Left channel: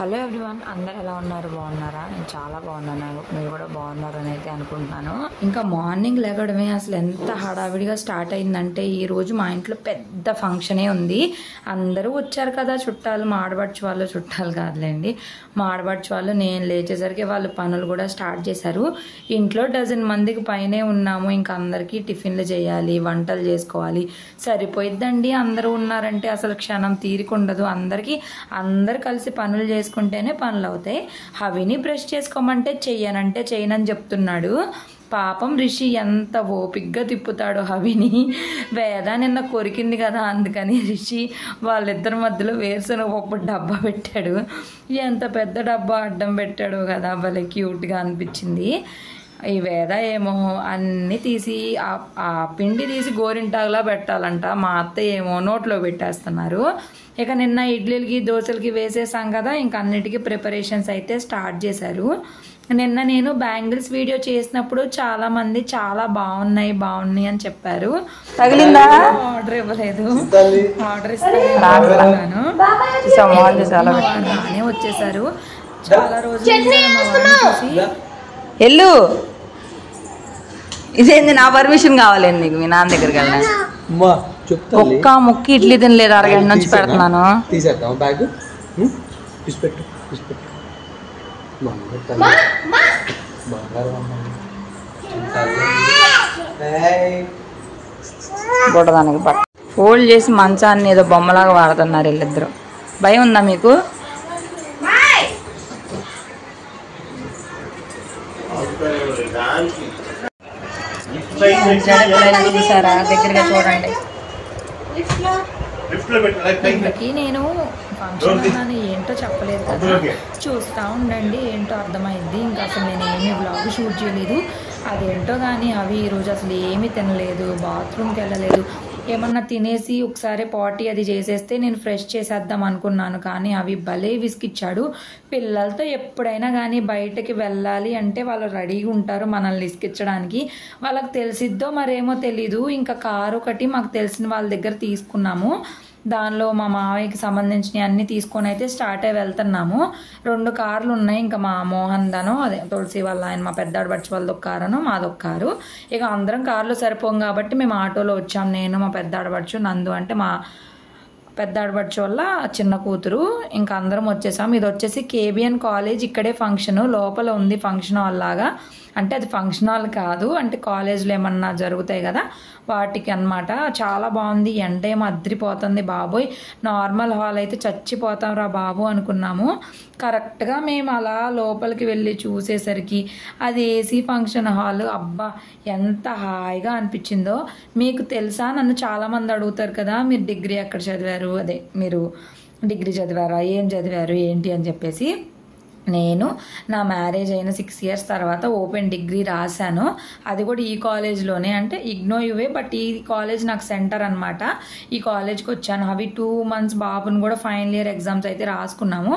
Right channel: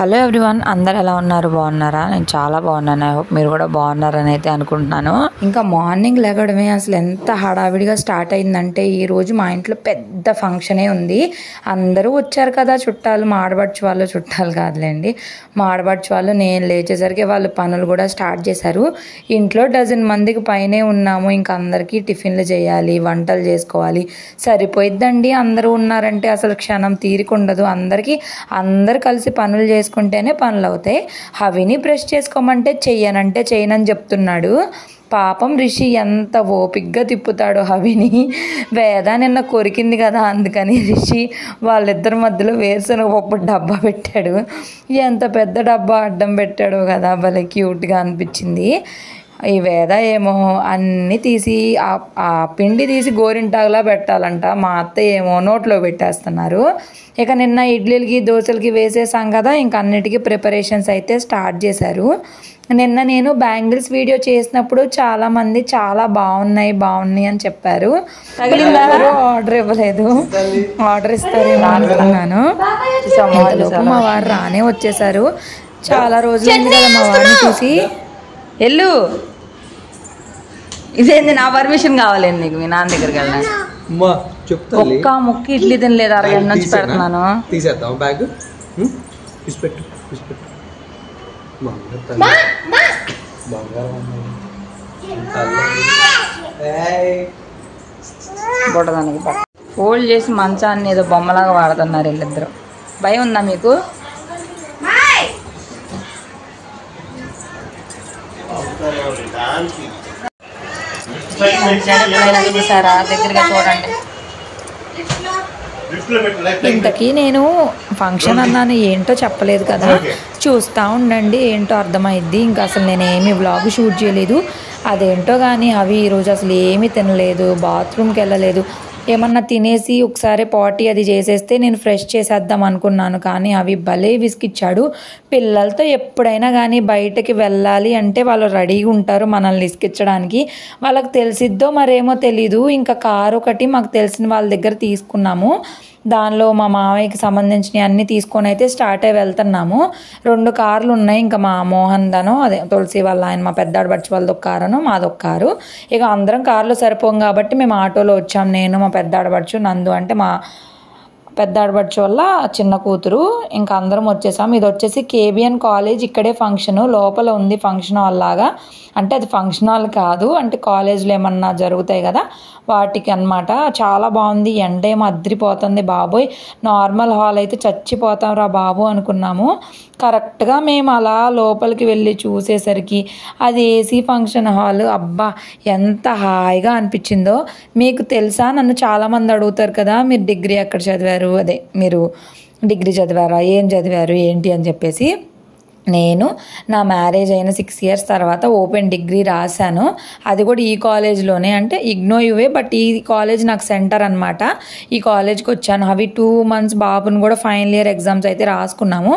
Hello everyone, అందరు ఎలా ఉన్నారు? బాగున్నారా? నేను చాలా బాగున్నాను. ఐ హోప్ మీరు కూడా బాగున్నారని అయితే అనుకుంటున్నాను. ఇంకా మార్నింగ్ లేగడమే అసలు ఎంత హడావిడిగా స్టార్ట్ అయిందంటే ఈరోజు మా ఇంట్లో పెద్ద ఫంక్షనే ఉంది. అందరూ వచ్చారు కదా చుట్టాలు, మా ఆడబడుచు వాళ్ళు, చుట్టాలు కాదులేండి, మా ఆడబడుచు వాళ్ళు. నేను లేచేసరికి వాళ్ళు పనులు కూడా స్టార్ట్ చేశారు. ఇంట్లో డజన్ మందికి పైనే ఉన్నాము. ఇంకా అందరికీ టిఫిన్లు చేయాలి, వంటలు చేసుకోవాలి, సరిపోయిద్దండి. అందరూ ఉన్నారంటే అసలు క్షణం తీరికుండదు. అందరు కలిసి పనులు చేసుకుంటేనే పనులు అవుతాయి. హవిని బ్రష్ చేసుకోమంటే చెయ్యనంటే చెయ్యనని చెప్తున్నాడు. పాపం రిషి ఎంత ఓపిగ్గా తిప్పుతాడో హవిని. వేద నిన్న కొరికింది కదా, అందుకని రిషి వాళ్ళిద్దరి మధ్యలో వేరుశనగ పప్పు డబ్బా పెట్టాడు. ఎంత పెద్ద డబ్బా అడ్డం పెట్టాడో కదా, భలే క్యూట్గా అనిపించింది. ఈ వేద ఏమో అన్నీ తీసి ఆ పిండి తీసి గోరింటాకులా పెట్టాలంట. మా అత్త ఏమో నోట్లో పెట్టేస్తున్నారు. ఇక నిన్న ఇడ్లీలకి దోశలకి వేసేసాం కదా, ఇంక అన్నిటికీ ప్రిపరేషన్స్ అయితే స్టార్ట్ చేశారు. నిన్న నేను బ్యాంగిల్స్ వీడియో చేసినప్పుడు చాలామంది చాలా బాగున్నాయి అని చెప్పారు. తగిలిందా? ఆర్డర్ ఇవ్వలేదు, ఆర్డర్ ఇస్తాను. మా వారు రానే వచ్చేసారు. చాలా రోజులైంది కదా మా వారిని చూసి. ఎల్లు, ఇదేంది? నా పర్మిషన్ కావాలండి నీకు మీ నాన్న దగ్గరికి వెళ్ళాను. ఒక్క ముక్కి ఇడ్లీ తినలేదు, అరగంట నుంచి పెడుతున్నాను. తీసేద్దాం బ్యాగ్. బుడదానికి ఫోల్డ్ చేసి మంచాన్ని ఏదో బొమ్మలాగా వాడుతున్నారు వీళ్ళిద్దరు. భయం ఉందా మీకు? ఎప్పుడైనా చూసారా? దగ్గరగా చూడండి. ఇంతకీ నేను ఫంక్షన్ అన్నాను, ఏంటో చెప్పలేదు కదా, చూస్తూ ఉండండి, ఏంటో అర్థమైద్ది. ఇంకా అసలు నేనేమి వ్లాగ్ షూట్ చేయలేదు. అదేంటో కానీ అవి ఈరోజు అసలు ఏమీ తినలేదు, బాత్రూమ్కి వెళ్ళలేదు. ఏమన్నా తినేసి ఒకసారి పార్టీ అది చేసేస్తే నేను ఫ్రెష్ చేసేద్దాం అనుకున్నాను. కానీ అవి భలే విసిగిచ్చాడు. పిల్లలతో ఎప్పుడైనా కానీ బయటకి వెళ్ళాలి అంటే వాళ్ళు రెడీగా ఉంటారు మనల్ని విసిగించడానికి. వాళ్ళకి తెలిసిద్దో మరేమో తెలీదు. ఇంకా కారు ఒకటి మాకు తెలిసిన వాళ్ళ దగ్గర తీసుకున్నాము. దానిలో మా మావయ్యకి సంబంధించినవి అన్నీ తీసుకొని అయితే స్టార్ట్ అయ్యి వెళ్తున్నాము. 2 కార్లు ఉన్నాయి. ఇంకా మా మోహన్ దనో అదే తులసి వాళ్ళ ఆయన, మా పెద్ద ఆడబడుచు వాళ్ళది ఒక కారును మాదొక కారు. ఇక అందరం కార్లో సరిపోం కాబట్టి మేము ఆటోలో వచ్చాం. నేను, మా పెద్ద ఆడబడుచు, నందు అంటే మా పెద్ద ఆడబడుచు వల్ల చిన్న కూతురు. ఇంకా అందరం వచ్చేసాం. ఇది వచ్చేసి KBN కాలేజ్, ఇక్కడే ఫంక్షన్ లోపల ఉంది. ఫంక్షన్ హాల్ లాగా, అంటే అది ఫంక్షన్ హాల్ కాదు, అంటే కాలేజ్లో ఏమన్నా జరుగుతాయి కదా వాటికి అన్నమాట. చాలా బాగుంది. ఎండ ఏమో అద్రిపోతుంది బాబోయ్. నార్మల్ హాల్ అయితే చచ్చిపోతాం రా బాబు అనుకున్నాము. కరెక్ట్గా మేము అలా లోపలికి వెళ్ళి చూసేసరికి అది AC ఫంక్షన్ హాల్. అబ్బా ఎంత హాయిగా అనిపించిందో. మీకు తెలుసా, నన్ను చాలామంది అడుగుతారు కదా, మీరు డిగ్రీ ఎక్కడ చదివారు, అదే మీరు డిగ్రీ చదివారా, ఏం చదివారు ఏంటి అని చెప్పేసి. నేను నా మ్యారేజ్ అయిన 6 years తర్వాత ఓపెన్ డిగ్రీ రాశాను. అది కూడా ఈ కాలేజ్లోనే, అంటే ఇగ్నో యువే, బట్ ఈ కాలేజ్ నాకు సెంటర్ అనమాట. ఈ కాలేజ్కి వచ్చాను. అవి 2 months బాబుని కూడా ఫైనల్ ఇయర్ ఎగ్జామ్స్ అయితే రాసుకున్నాము.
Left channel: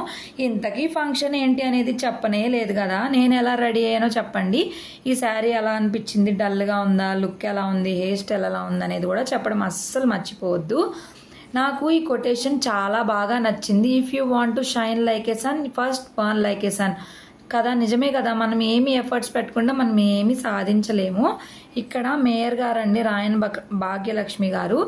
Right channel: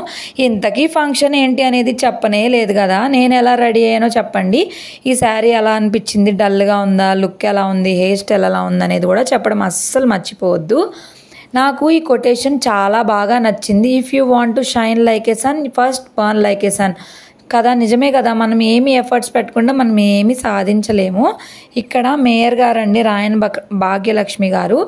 ఇంతకీ ఫంక్షన్ ఏంటి అనేది చెప్పనే లేదు కదా. నేను ఎలా రెడీ అయ్యానో చెప్పండి. ఈ శారీ ఎలా అనిపించింది, డల్గా ఉందా, లుక్ ఎలా ఉంది, హెయిర్ స్టైల్ ఎలా ఉంది అనేది కూడా చెప్పడం అస్సలు మర్చిపోవద్దు. నాకు ఈ కొటేషన్ చాలా బాగా నచ్చింది. If you want to shine like a sun, first burn like a sun కదా. నిజమే కదా, మనం ఏమి ఎఫర్ట్స్ పెట్టకుండా మనం ఏమి సాధించలేము. ఇక్కడ మేయర్ గారండి, రాయన్ భాగ్యలక్ష్మి గారు.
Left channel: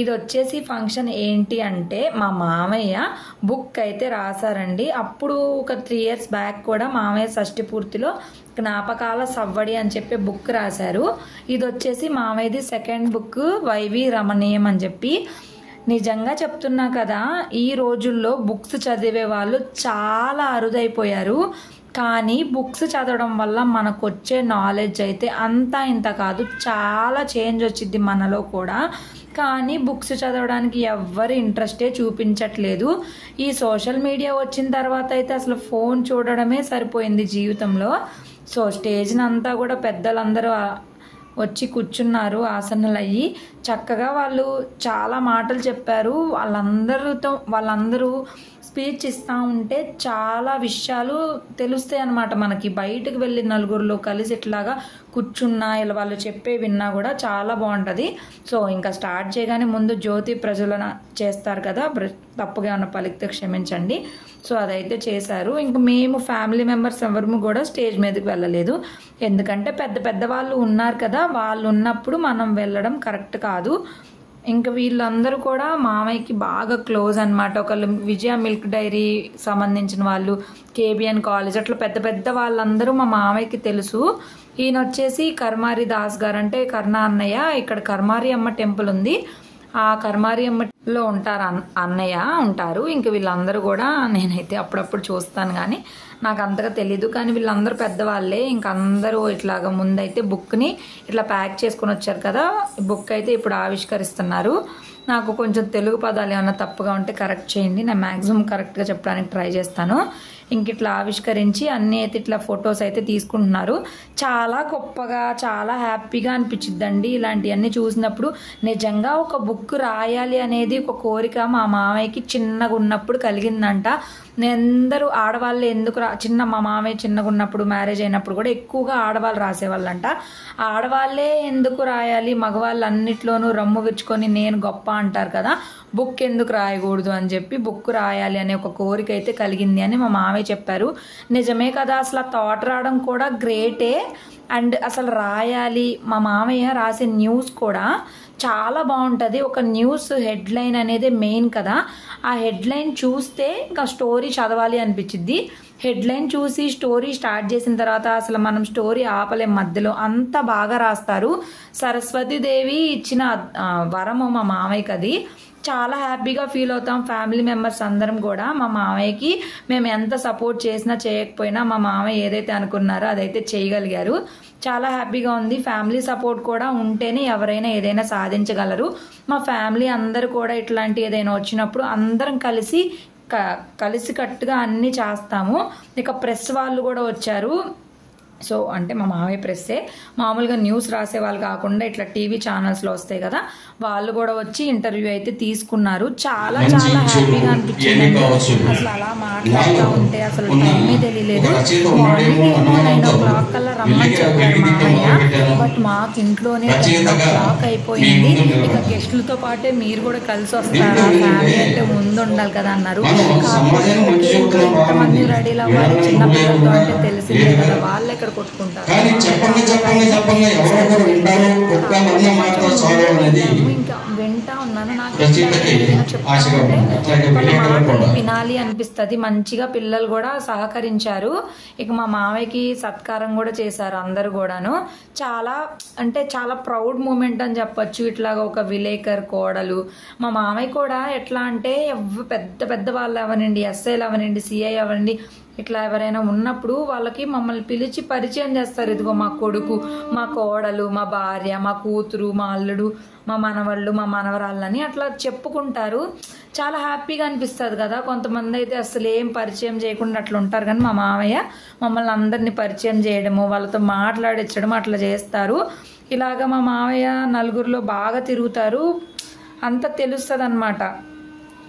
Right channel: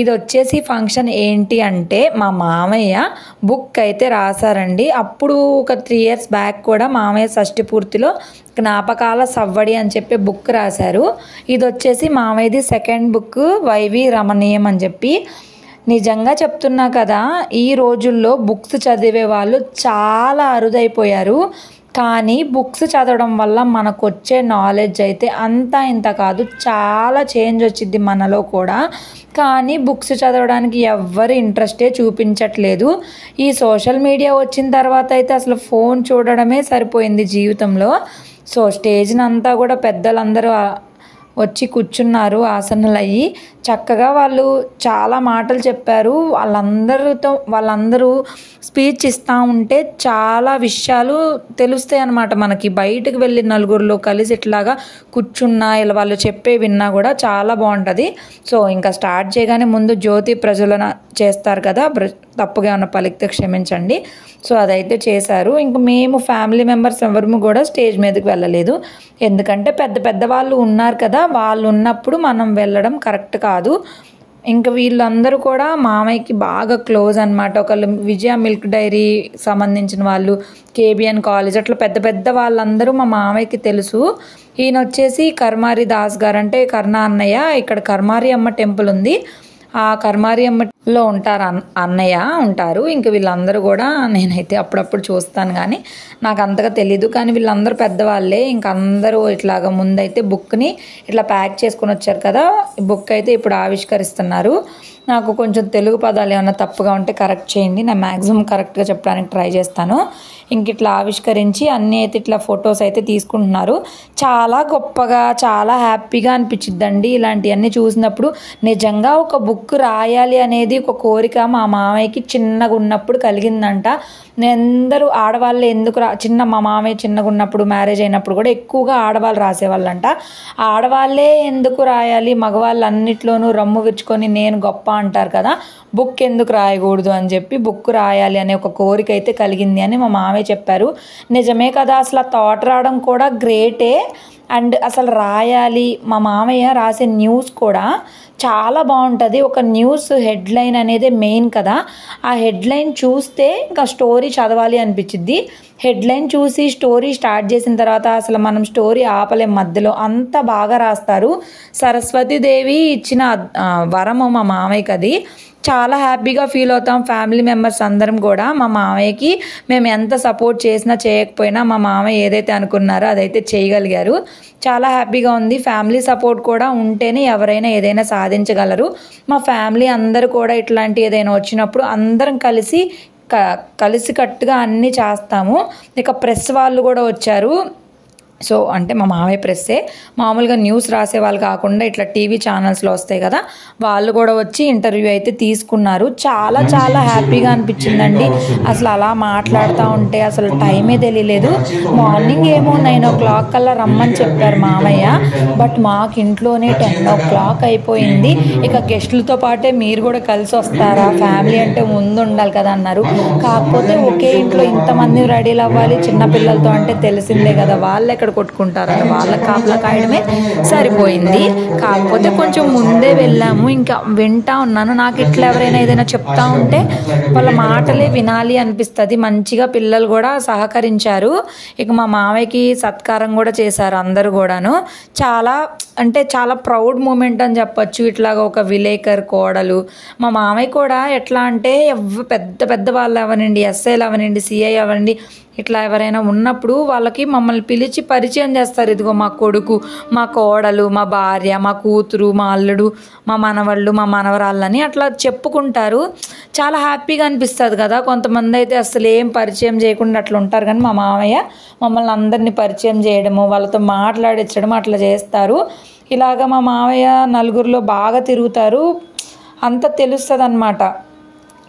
ఇది వచ్చేసి ఫంక్షన్ ఏంటి అంటే, మా మామయ్య బుక్ అయితే రాశారండి. అప్పుడు ఒక 3 years బ్యాక్ కూడా మామయ్య షష్ఠి పూర్తిలో జ్ఞాపకాల సవ్వడి అని చెప్పి బుక్ రాశారు. ఇది వచ్చేసి మామయ్యది 2nd book, వైవి రమణీయం అని చెప్పి. నిజంగా చెప్తున్నా కదా, ఈ రోజుల్లో బుక్స్ చదివే వాళ్ళు చాలా అరుదైపోయారు. కానీ బుక్స్ చదవడం వల్ల మనకు వచ్చే నాలెడ్జ్ అయితే అంతా ఇంత కాదు, చాలా చేంజ్ వచ్చింది మనలో కూడా. కానీ బుక్స్ చదవడానికి ఎవ్వరు ఇంట్రెస్టే చూపించట్లేదు. ఈ సోషల్ మీడియా వచ్చిన తర్వాత అయితే అసలు ఫోన్ చూడడమే సరిపోయింది జీవితంలో. సో స్టేజ్ని అంతా కూడా పెద్దలందరూ వచ్చి కూర్చున్నారు ఆసనాలు అయ్యి. చక్కగా వాళ్ళు చాలా మాటలు చెప్పారు. వాళ్ళందరూ స్పీచ్ ఇస్తూ ఉంటే చాలా విషయాలు తెలుస్తాయి అన్నమాట మనకి. బయటకు వెళ్ళి నలుగురిలో కలిసి ఇట్లాగా కూర్చున్నా ఇలా వాళ్ళు చెప్పే విన్నా కూడా చాలా బాగుంటుంది. సో ఇంకా స్టార్ట్ చేయగానే ముందు జ్యోతి ప్రజ్వలన చేస్తారు కదా, తప్పుగా ఉన్న పలికితే క్షమించండి. సో అదైతే చేశారు. ఇంకా మేము ఫ్యామిలీ మెంబర్స్ ఎవరు కూడా స్టేజ్ మీదకి వెళ్ళలేదు. ఎందుకంటే పెద్ద పెద్ద వాళ్ళు ఉన్నారు కదా, వాళ్ళు ఉన్నప్పుడు మనం వెళ్ళడం కరెక్ట్ కాదు. ఇంకా వీళ్ళందరూ కూడా మామయ్యకి బాగా క్లోజ్ అనమాట. ఒకళ్ళు విజయ మిల్క్ డైరీ సంబంధించిన వాళ్ళు, కేబిఎన్ కాలేజ్, అట్లా పెద్ద పెద్ద వాళ్ళందరూ మా మామయ్యకి తెలుసు. ఈయన వచ్చేసి కర్మారి దాస్ గారు, అంటే కర్ణ అన్నయ్య. ఇక్కడ కర్మారి అమ్మ టెంపుల్ ఉంది, ఆ కర్మారి అమ్మలో అన్నయ్య ఉంటారు. ఇంక వీళ్ళందరూ కూడా నేనైతే అప్పుడప్పుడు చూస్తాను కానీ నాకు అంతగా తెలీదు. కానీ వీళ్ళందరూ పెద్దవాళ్ళే. ఇంక అందరూ ఇట్లాగా ముందైతే బుక్ని ఇట్లా ప్యాక్ చేసుకొని వచ్చారు కదా, బుక్ అయితే ఇప్పుడు ఆవిష్కరిస్తున్నారు. నాకు కొంచెం తెలుగు పదాలు ఏమన్నా తప్పుగా ఉంటే కరెక్ట్ చేయండి, నేను మ్యాక్సిమం కరెక్ట్గా చెప్పడానికి ట్రై చేస్తాను. ఇంక ఇట్లా ఆవిష్కరించి అన్నీ అయితే ఇట్లా ఫొటోస్ అయితే తీసుకుంటున్నారు. చాలా గొప్పగా చాలా హ్యాపీగా అనిపించిద్దండి ఇలాంటివన్నీ చూసినప్పుడు. నిజంగా ఒక బుక్ రాయాలి అనేది ఒక కోరిక మా మామయ్యకి చిన్నగా ఉన్నప్పుడు కలిగిందంట. అందరూ ఆడవాళ్ళు ఎందుకు మా మామయ్య చిన్నగా ఉన్నప్పుడు మ్యారేజ్ అయినప్పుడు కూడా ఎక్కువగా ఆడవాళ్ళు రాసేవాళ్ళంట. ఆడవాళ్ళే ఎందుకు రాయాలి, మగవాళ్ళు అన్నిట్లోనూ రమ్ము విచ్చుకొని నేను గొప్ప అంటారు కదా, బుక్ ఎందుకు రాయకూడదు అని చెప్పి బుక్ రాయాలి అనే ఒక కోరిక అయితే కలిగింది అని మా మామయ్య చెప్పారు. నిజమే కదా, అసలు ఆ థాట్ రావడం కూడా గ్రేటే. అండ్ అసలు రాయాలి, మా మామయ్య రాసే న్యూస్ కూడా చాలా బాగుంటుంది. ఒక న్యూస్ హెడ్లైన్ అనేది మెయిన్ కదా, ఆ హెడ్లైన్ చూస్తే ఇంకా స్టోరీ చదవాలి అనిపించిద్ది. హెడ్లైన్ చూసి స్టోరీ స్టార్ట్ చేసిన తర్వాత అసలు మనం స్టోరీ ఆపలేం మధ్యలో, అంత బాగా రాస్తారు. సరస్వతీదేవి ఇచ్చిన వరము మా మామయ్యకి, అది చాలా హ్యాపీగా ఫీల్ అవుతాం ఫ్యామిలీ మెంబర్స్ అందరం కూడా. మా మామయ్యకి మేము ఎంత సపోర్ట్ చేసినా చేయకపోయినా మా మామయ్య ఏదైతే అనుకున్నారో అదైతే చేయగలిగారు. చాలా హ్యాపీగా ఉంది. ఫ్యామిలీ సపోర్ట్ కూడా ఉంటేనే ఎవరైనా ఏదైనా సాధించగలరు. మా ఫ్యామిలీ అందరూ కూడా ఇట్లాంటి ఏదైనా వచ్చినప్పుడు అందరం కలిసికట్టుగా అన్నీ చేస్తాము. ఇక ప్రెస్ వాళ్ళు కూడా వచ్చారు. సో అంటే మా మామయ్య ప్రెస్సే, మామూలుగా న్యూస్ రాసే వాళ్ళు కాకుండా ఇట్లా టీవీ ఛానల్స్లో వస్తాయి కదా, వాళ్ళు కూడా వచ్చి ఇంటర్వ్యూ అయితే తీసుకున్నారు. చాలా చాలా హ్యాపీగా అనిపించిందండి. అసలు అలా మాట్లాడుతూ ఉంటే అసలు టైమే తెలియలేదు. మార్నింగ్ ఏమో 9 o'clock కల్లా రమ్మని చెప్పారు మామయ్య, బట్ మాకు ఇంట్లోనే 10 o'clock అయిపోయింది. ఇక గెస్టులతో పాటే మీరు కూడా కలిసి వస్తారా, ఫ్యామిలీ అంటే ముందు ఉండాలి కదా అన్నారు. కాకపోతే ఒకే ఇంట్లో ఇంతమంది రెడీలు అవ్వాలి చిన్నపిల్లలతో అంటే తెలిసిందే కదా, వాళ్ళు ఎక్కడ కొట్టుకుంటారు, సరిపోయింది. కాకపోతే కొంచెం ముందే వెళ్ళాము. ఇంకా వింటా ఉన్నాను, నాకు ఇట్లా ఎవరైనా ఏదైనా చెప్తా ఉంటే వాళ్ళ మాటలే వినాలి అనిపిస్తుంది. మంచిగా పిల్లలు కూడా సహకరించారు. ఇక మా మామయ్యకి సత్కారం కూడా చేశారు అందరూ కూడాను. చాలా ప్రౌడ్ మూమెంట్ అని చెప్పొచ్చు. ఇట్లాగ ఒక విలేకర్ కోడలు, మా మామయ్య కూడా ఎట్లా అంటే పెద్ద పెద్ద వాళ్ళు అవనండి, ఎస్ఐలు అవనండి, సిఐ అవ్వండి, ఇట్లా ఎవరైనా ఉన్నప్పుడు వాళ్ళకి మమ్మల్ని పిలిచి పరిచయం చేస్తారు. ఇదిగో మా కొడుకు, మా కోడలు, మా భార్య, మా కూతురు, మా అల్లుడు, మా మనవళ్ళు, మా మనవరాళ్ళని అట్లా చెప్పుకుంటారు. చాలా హ్యాపీగా అనిపిస్తుంది కదా. కొంతమంది అయితే అసలు ఏం పరిచయం చేయకుండా అట్లా ఉంటారు, కానీ మా మామయ్య మమ్మల్ని అందరినీ పరిచయం చేయడము, వాళ్ళతో మాట్లాడించడం అట్లా చేస్తారు. ఇలాగ మా మామయ్య నలుగురిలో బాగా తిరుగుతారు, అంత తెలుస్తుంది అన్నమాట.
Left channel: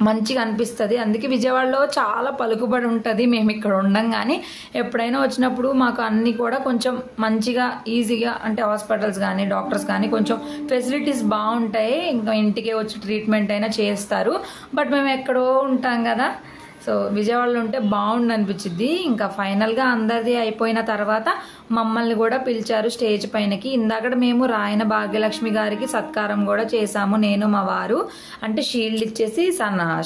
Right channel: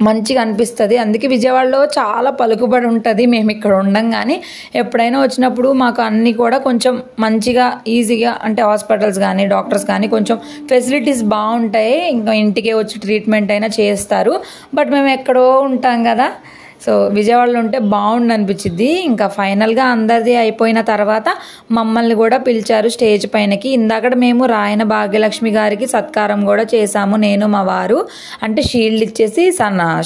మంచిగా అనిపిస్తుంది. అందుకే విజయవాడలో చాలా పలుకుబడి ఉంటుంది. మేము ఇక్కడ ఉండం కానీ ఎప్పుడైనా వచ్చినప్పుడు మాకు అన్నీ కూడా కొంచెం మంచిగా ఈజీగా, అంటే హాస్పిటల్స్ కానీ డాక్టర్స్ కానీ కొంచెం ఫెసిలిటీస్ బాగుంటాయి. ఇంకా ఇంటికే వచ్చి ట్రీట్మెంట్ అయినా చేస్తారు. బట్ మేము ఎక్కడో ఉంటాం కదా, సో విజయవాడలో ఉంటే బాగుండు అనిపించింది. ఇంకా ఫైనల్గా అందరిది అయిపోయిన తర్వాత మమ్మల్ని కూడా పిలిచారు స్టేజ్ పైనకి. ఇందాక మేము రాయన భాగ్యలక్ష్మి గారికి సత్కారం కూడా చేశాము, నేను మా వారు. అంటే షీల్డ్ ఇచ్చేసి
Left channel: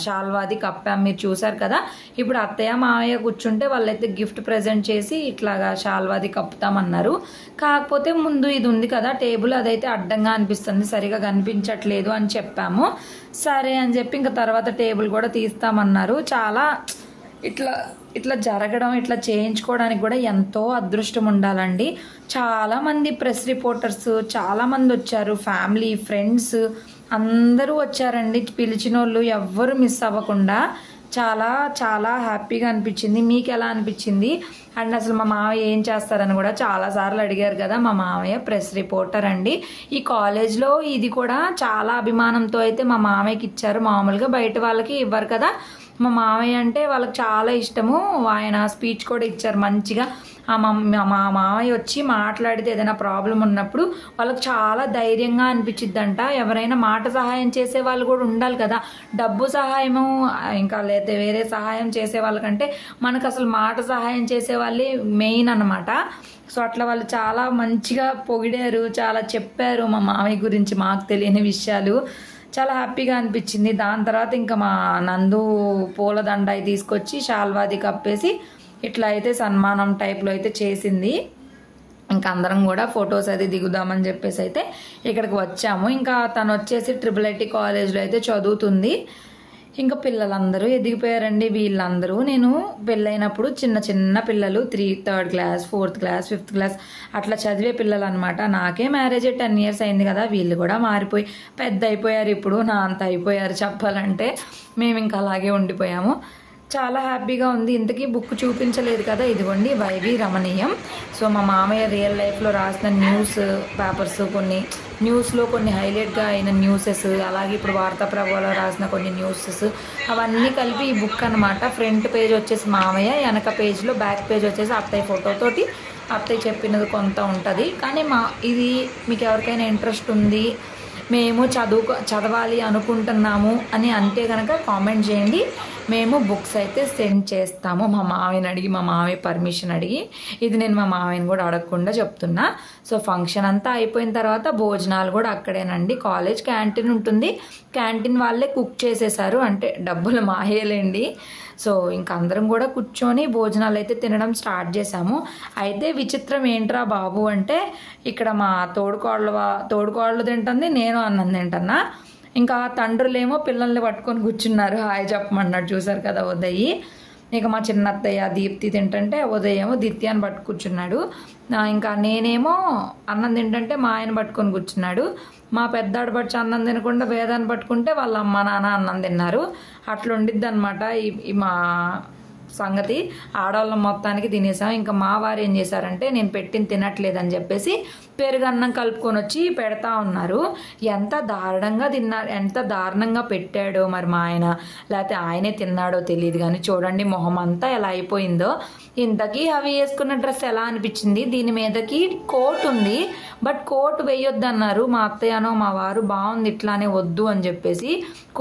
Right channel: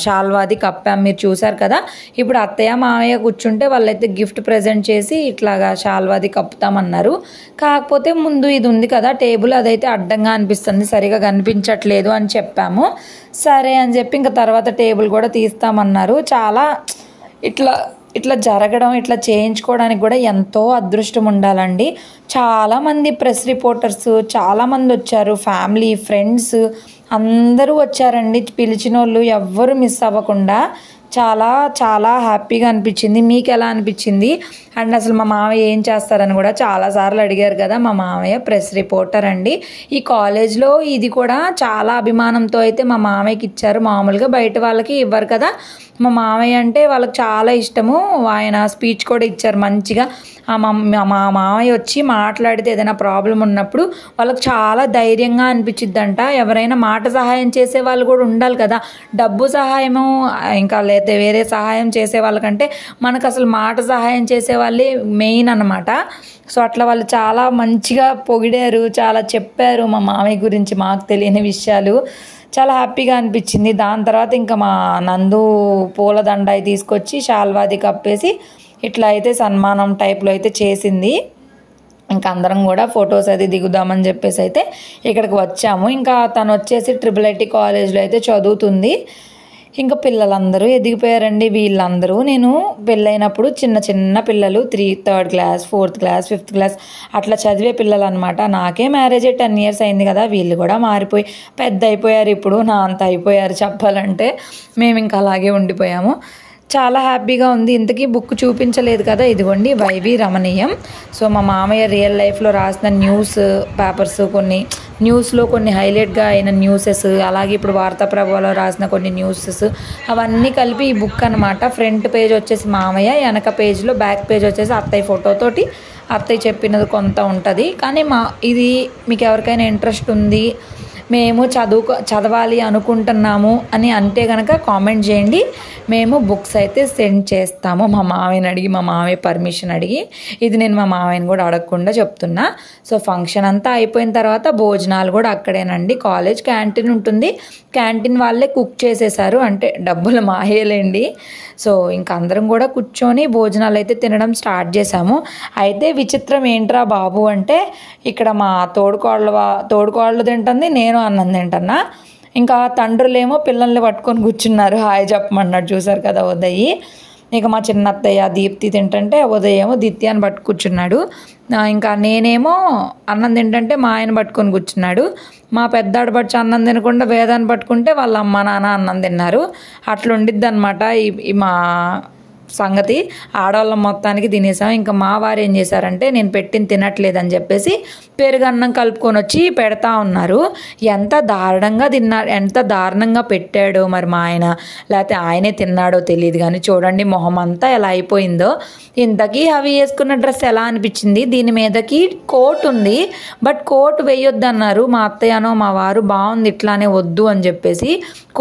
షాల్వాది కప్పాము, మీరు చూసారు కదా. ఇప్పుడు అత్తయ్య మామయ్య కూర్చుంటే వాళ్ళైతే గిఫ్ట్ ప్రజెంట్ చేసి ఇట్లాగా షాల్వాది కప్పుతామన్నారు. కాకపోతే ముందు ఇది ఉంది కదా టేబుల్, అదైతే అడ్డంగా అనిపిస్తుంది, సరిగా కనిపించట్లేదు అని చెప్పాము. సరే అని చెప్పి ఇంకా తర్వాత టేబుల్ కూడా తీస్తామన్నారు. చాలా ఇట్లా జరగడం, ఇట్లా చేయించుకోవడానికి కూడా ఎంతో అదృష్టం ఉండాలండి. చాలామంది ప్రెస్ రిపోర్టర్స్ చాలామంది వచ్చారు, ఫ్యామిలీ ఫ్రెండ్స్ అందరూ వచ్చారండి. పిలిచిన వాళ్ళు ఎవ్వరు మిస్ అవ్వకుండా చాలా చాలా హ్యాపీగా అనిపించింది. మీకు ఎలా అనిపించింది? అండ్ అసలు మా మామయ్య ఏం చేస్తారని కూడా చాలాసార్లు అడిగారు కదా. మా మామయ్య ప్రెస్ రిపోర్టర్ అండి. ఈ కాలేజ్లో ఇది కూడా చాలా అభిమానంతో అయితే మా మామయ్యకి ఇచ్చారు. మామూలుగా బయట వాళ్ళకి ఇవ్వరు కదా. మా మామయ్య అంటే వాళ్ళకి చాలా ఇష్టము. ఆయన స్పీచ్ కూడా ఇచ్చారు మంచిగా. మా మామయ్య వచ్చి మాట్లాడితే ఏదైనా ప్రాబ్లం ఉన్నప్పుడు వాళ్ళకి చాలా ధైర్యంగా అనిపించిద్దంట. ఎవరైనా మాట సహాయం చేసే వాళ్ళు కూడా ఉండాలి కదా. డబ్బు సహాయము ఇంకా లేదా వేరే సహాయం చేసే వాళ్ళకంటే మనకు అసలు మాట సహాయం చేసే వాళ్ళే మెయిన్ అన్నమాట. సో అట్లా వాళ్ళు చాలా మంచిగా పొగిడారు, చాలా చెప్పారు మా మామయ్య గురించి మాకు తెలియని విషయాలు. చాలా హ్యాపీగా అనిపించింది. దాని తర్వాత ఇంకా మా నందు పూలదండ తీసుకొచ్చి శాల్వాది కప్పేసి ఇట్లా అయితే సన్మానం టైప్లో అయితే చేసింది. ఇంకా అందరం కూడా ఫొటోస్ అది దిగుదామని చెప్పేసి అయితే ఇక్కడికి వచ్చాము. ఇంకా తను వచ్చేసి IIIT కాలేజ్లో అయితే చదువుతుంది. ఇంకా పిల్లలందరూ ఎదిగిపోయారండి. వీళ్ళందరూ నేను పెళ్ళైనప్పుడు చిన్న చిన్న పిల్లలు 3rd class 4th class 5th class అట్లా చదివే పిల్లలు అనమాట. నాకే మ్యారేజ్ 10 years అయింది కదా. వీళ్ళు కూడా మారిపోయి పెద్ద అయిపోయారు. ఇప్పుడు నా అంత అయిపోయారు చెప్పాలంటే. మేము ఇంకా అలాగే ఉండిపోయాము. చాలా హ్యాపీగా ఉంది. ఇంతకీ బుక్ చూపించలేదు కదా. ఇదిగోండి వైవి రమణీయం. సో మా మామయ్య రియల్ లైఫ్లో రాసిన న్యూస్ పేపర్స్, కొన్ని న్యూస్లో కొన్ని హైలైట్గా అయిన న్యూసెస్, అలాగే ఇప్పుడు వార్తాప్రభలో రాసిన కొన్ని న్యూసెస్ అవన్నీ కలిపి ఈ బుక్ అనమాట. ఫ్రంట్ పేజ్ వచ్చేసి మామయ్య, వెనక పేజ్లో బ్యాక్ పేజ్ వచ్చేసి అత్తయ్య ఫోటోతోటి అత్తయ్య చెప్పినది కొంత ఉంటుంది. కానీ ఇది మీకు ఎవరికైనా ఇంట్రెస్ట్ ఉంది, మేము చదవాలి అనుకుంటున్నాము అని అంటే కనుక కామెంట్ చేయండి. మేము బుక్స్ అయితే సెండ్ చేస్తాము. మా మామయ్యని అడిగి, మా మామయ్య పర్మిషన్ అడిగి. ఇది నేను మా మామయ్యని కూడా అడగకుండా చెప్తున్నా. సో ఫంక్షన్ అంతా అయిపోయిన తర్వాత భోజనాలు కూడా అక్కడేనండి. కాలేజ్ క్యాంటీన్ ఉంటుంది. క్యాంటీన్ వాళ్ళే కుక్ చేసేసారు. అంటే డబ్బులు మాయేలేండి. సో ఇంకా అందరం కూడా కూర్చొని భోజనాలు అయితే తినడం స్టార్ట్ చేసాము. అయితే విచిత్రం ఏంట్రా బాబు అంటే ఇక్కడ మా తోడుకోళ్ళు తింటుంది, నేను అన్నం తింటున్నా. ఇంకా తండ్రులేమో పిల్లల్ని పట్టుకొని కూర్చున్నారు, హాయ్ చెప్పమన్నాడు. చూసారు కదా ఉదయ్. ఇక మా చిన్నత్తయ్య దీప్తి తింటుంటే ఉదయ్ ఏమో దిత్యాన్ని పట్టు కూర్చున్నాడు. ఇంకా నేనేమో అన్నం తింటుంటే మా ఆయన పట్టుకొని కూర్చున్నాడు. మా పెద్దాడు పచ్చి అన్నం తినకుండా వేదాన్ని పట్టుకుంటే వాళ్ళ అమ్మ నాన్న అన్నం తిన్నారు. అట్లుండిద్ది అనమాట ఈ మా సంగతి. ఆడవాళ్ళం మొత్తానికి తినేసాం. ఇంకా మా వారు ఏం చేశారంటే నేను పెట్టింది తినట్లేదని చెప్పేసి పెరుగన్నం కలుపుకొని వచ్చి పెడతా ఉన్నారు. ఎంత దారుణంగా పెట్టాడో మరి మా ఆయన, లేకపోతే ఆయనే తిన్నాడో తెలియదు కానీ చూడండి మొహం అంతా ఎలా అయిపోయిందో. ఇంతకీ అవి వేసుకున్న డ్రెస్ ఎలా అనిపించింది? దీని మీదకి కోట్ ఉంది, బట్ కోట్ వేయొద్దు అన్నారు మా అత్తయ్యనో మా వారు. బాగుంది ఇట్లానే వద్దు అని చెప్పేసి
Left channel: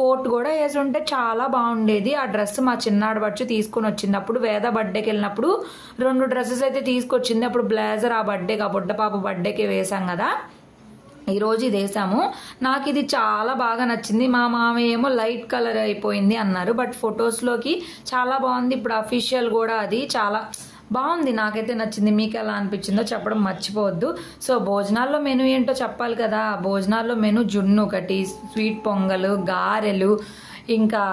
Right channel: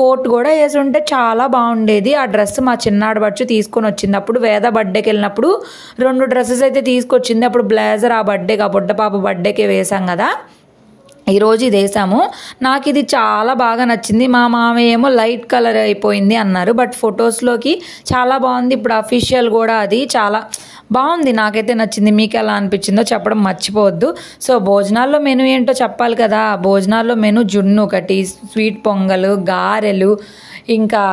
కోట్ కూడా వేసి ఉంటే చాలా బాగుండేది. ఆ డ్రెస్ మా చిన్నాడు బచ్చు తీసుకొని వచ్చింది. అప్పుడు వేద బర్త్డేకి వెళ్ళినప్పుడు 2 డ్రెస్సెస్ అయితే తీసుకొచ్చింది. అప్పుడు బ్లేజర్ ఆ బర్త్డేకి, ఆ బుడ్డ పాప బర్త్డేకి వేసాం కదా. ఈరోజు ఇది వేసాము. నాకు ఇది చాలా బాగా నచ్చింది. మా మామయ్య ఏమో లైట్ కలర్ అయిపోయింది అన్నారు, బట్ ఫొటోస్లోకి చాలా బాగుంది. ఇప్పుడు అఫీషియల్ కూడా అది చాలా బాగుంది. నాకైతే నచ్చింది. మీకు ఎలా అనిపించిందో చెప్పడం మర్చిపోవద్దు. సో భోజనాల్లో మెనూ ఏంటో చెప్పాలి కదా. భోజనాల్లో మెనూ జున్ను ఒకటి, స్వీట్ పొంగలు, గారెలు, ఇంకా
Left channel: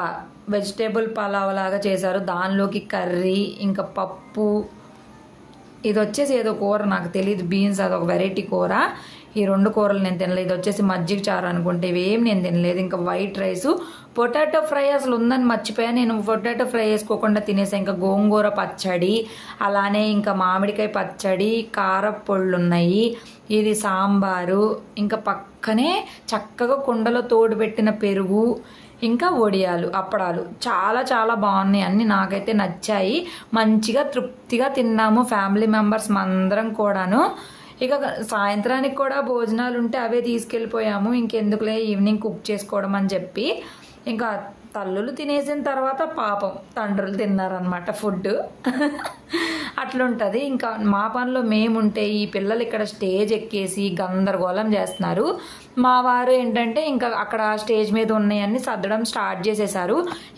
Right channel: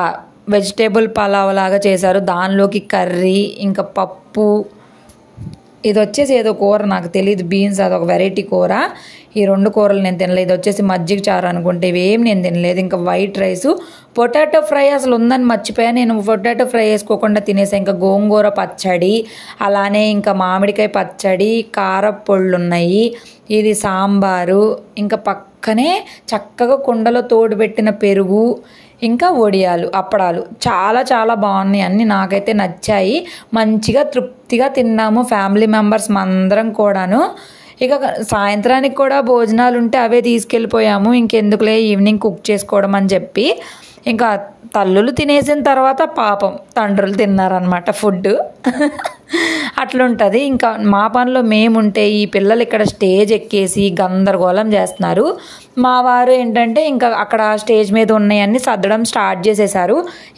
వెజిటేబుల్ పలావ్ లాగా చేశారు. దానిలోకి కర్రీ, ఇంకా పప్పు. ఇది వచ్చేసి ఏదో కూర నాకు తెలియదు, బీన్స్, అదొక వెరైటీ కూర. ఈ 2 కూరలు నేను తినలేదు. ఇది వచ్చేసి మజ్జిగ చారు అనుకుంటే, ఇవేం నేను తినలేదు. ఇంకా వైట్ రైసు, పొటాటో ఫ్రై అసలు ఉందని మర్చిపోయా. నేను పొటాటో ఫ్రై వేసుకోకుండా తినేసాను. ఇంకా గోంగూర పచ్చడి, అలానే ఇంకా మామిడికాయ పచ్చడి, కారపొళ్ళు ఉన్నాయి. ఇది సాంబారు, ఇంకా పక్కనే చక్కగా కుండలో తోడుపెట్టిన పెరుగు, ఇంకా వడియాలు, అప్పడాలు. చాలా చాలా బాగున్నాయి. అన్నీ నాకైతే నచ్చాయి. మంచిగా తృప్తిగా తిన్నాము ఫ్యామిలీ మెంబర్స్ అందరం కూడాను. ఇక సాయంత్రానికి కూడా భోజనాలు ఉంటే అవే తీసుకెళ్ళిపోయాము. ఇంకెందుకులే ఈవినింగ్ కుక్ చేసుకోవడం అని చెప్పి. ఇంకా తల్లులు తినేసిన తర్వాత పాపం తండ్రులు తిన్నారనమాట ఫుడ్. అట్లుంటుంది. ఇంకా మా పనిలో మేముంటే ఈ పిల్లలు ఇక్కడ స్టేజ్ ఎక్కేసి గందరగోళం చేస్తున్నారు. మా వారు ఏంటంటే ఇంకా అక్కడ స్టేజ్ మీద ఉన్నాయన్నీ సర్దడం స్టార్ట్ చేసేసారు.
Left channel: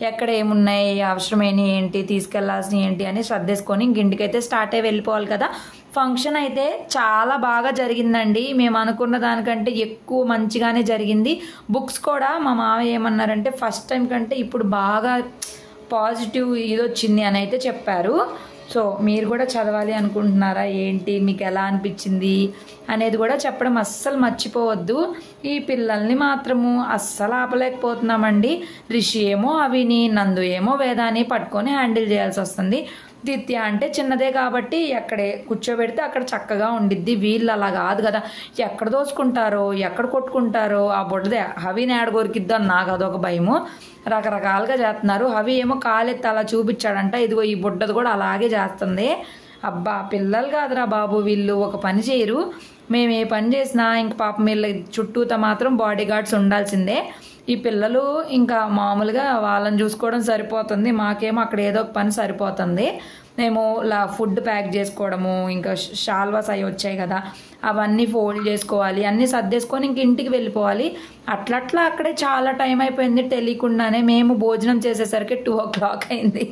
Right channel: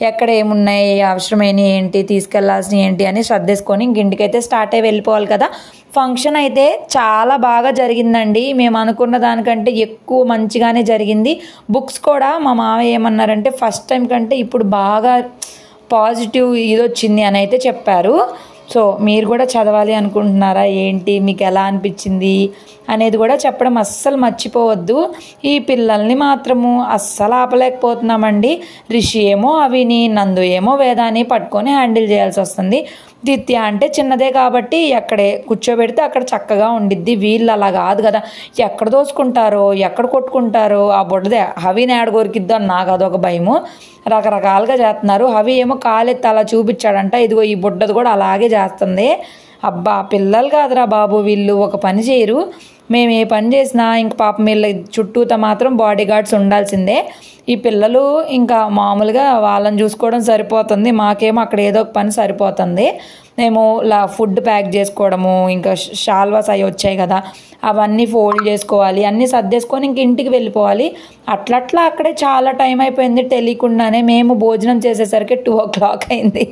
ఎక్కడ ఏమున్నాయి, అవసరమైన ఏంటి, తీసుకెళ్లాల్సినవి ఏంటి అని సర్దేసుకొని ఇంటికైతే స్టార్ట్ అయ్యి వెళ్ళిపోవాలి కదా. ఫంక్షన్ అయితే చాలా బాగా జరిగిందండి. మేము అనుకున్న దానికంటే ఎక్కువ మంచిగానే జరిగింది. బుక్స్ కూడా మా మావయ్య ఏమన్నారంటే ఫస్ట్ టైం కంటే ఇప్పుడు బాగా పాజిటివ్ ఇది వచ్చింది అని అయితే చెప్పారు. సో మీరు కూడా చదవాలి అనుకుంటున్నారా ఏంటి, మీకు ఎలా అనిపించింది అనేది కూడా చెప్పడం అస్సలు మర్చిపోవద్దు. ఈ పిల్లల్ని మాత్రము అస్సలు ఆపలేకపోతున్నామండి. రిషి ఏమో అవిని, నందు ఏమో వేదాన్ని పట్టుకొని హ్యాండిల్ చేయాల్సి వస్తుంది. దిత్య అంటే చిన్నదే కాబట్టి ఎక్కడే కూర్చోబెడితే అక్కడ చక్కగా ఉండిద్ది. వీళ్ళు అలా కాదు కదా, ఎక్కడ దోచుకుంటారో ఎక్కడ కొట్టుకుంటారో. ఆ బుడ్డదే హవిని ఏడ కొరికిద్దో అని నాకు అదొక భయము. రకరకాలుగా చేస్తున్నారు. హవి ఏమో కాలెత్తి అలా చూపించాడంట, ఇదిగో ఈ బుడ్డది కూడా అలాగే చేస్తుంది. అబ్బా పిల్లలు కాదురా బాబు, వీళ్ళు ఒక పని చేయరు. మేము ఏ పని చేసినా ఇంక పాపం వీళ్ళ చుట్టూతో మాత్రం బాడీ గార్డ్స్ ఉండాల్సిందే. ఈ పిల్లలు ఇంకా మామూలుగా వాళ్ళని చూసుకోవడం సరిపోతుంది, మాకేమో అక్కడ ఏదో ఒక పని సరిపోతుంది. మేము ఫుడ్ ప్యాక్ చేసుకోవడము, ఇంకా షాల్వాస్ అవి వచ్చాయి కదా అవన్నీ ఫోల్డ్ చేసుకోవాలి, అన్నీ సర్దేసుకొని ఇంక ఇంటికి వెళ్ళిపోవాలి. అట్లట్లా అక్కడే చాలా టైం అయిపోయింది తెలియకుండానే. మేము భోజనం చేసేసరికి 2 o'clock అయింది.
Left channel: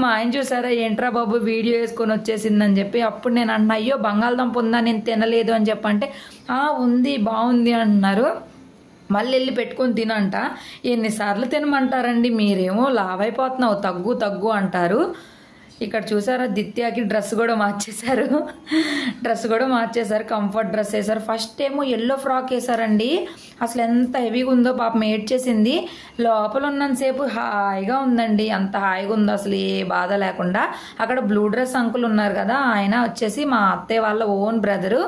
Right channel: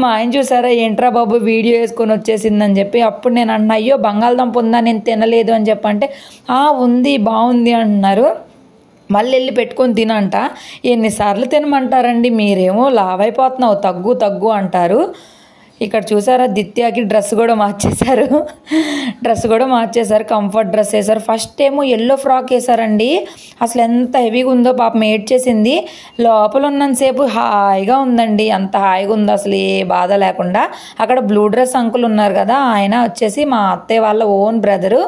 మా ఆయన చూసారా, ఏంట్రా బాబు వీడియో వేసుకొని వచ్చేసిందని చెప్పి. అప్పుడు నేను అన్నా, అయ్యో బంగాళదుంప ఉందా, నేను తినలేదు అని చెప్పంటే ఉంది బాగుంది అంటున్నారు. మళ్ళీ వెళ్ళి పెట్టుకొని తినంట. ఎన్నిసార్లు తినమంటారండి, మీరేమో లావ్ అయిపోతున్నావు తగ్గు అంటారు. ఇక్కడ చూసారా దిత్యాకి డ్రెస్ కూడా మార్చేశారు, కంఫర్ట్ డ్రెస్ వేశారు. ఫస్ట్ ఏమో ఎల్లో ఫ్రాక్ వేశారండి. అసలు ఎంత హెవీగా ఉందో పాపం ఏడ్చేసింది. లోపల ఉన్నంతసేపు హాయిగా ఉందండి, అంత హాయిగా ఉందో అసలు ఏ బాధ లేకుండా. అక్కడ బ్లూ డ్రెస్ అంకుల్ ఉన్నారు కదా, ఆయన వచ్చేసి మా అత్తయ్య వాళ్ళ ఓన్ బ్రదరు.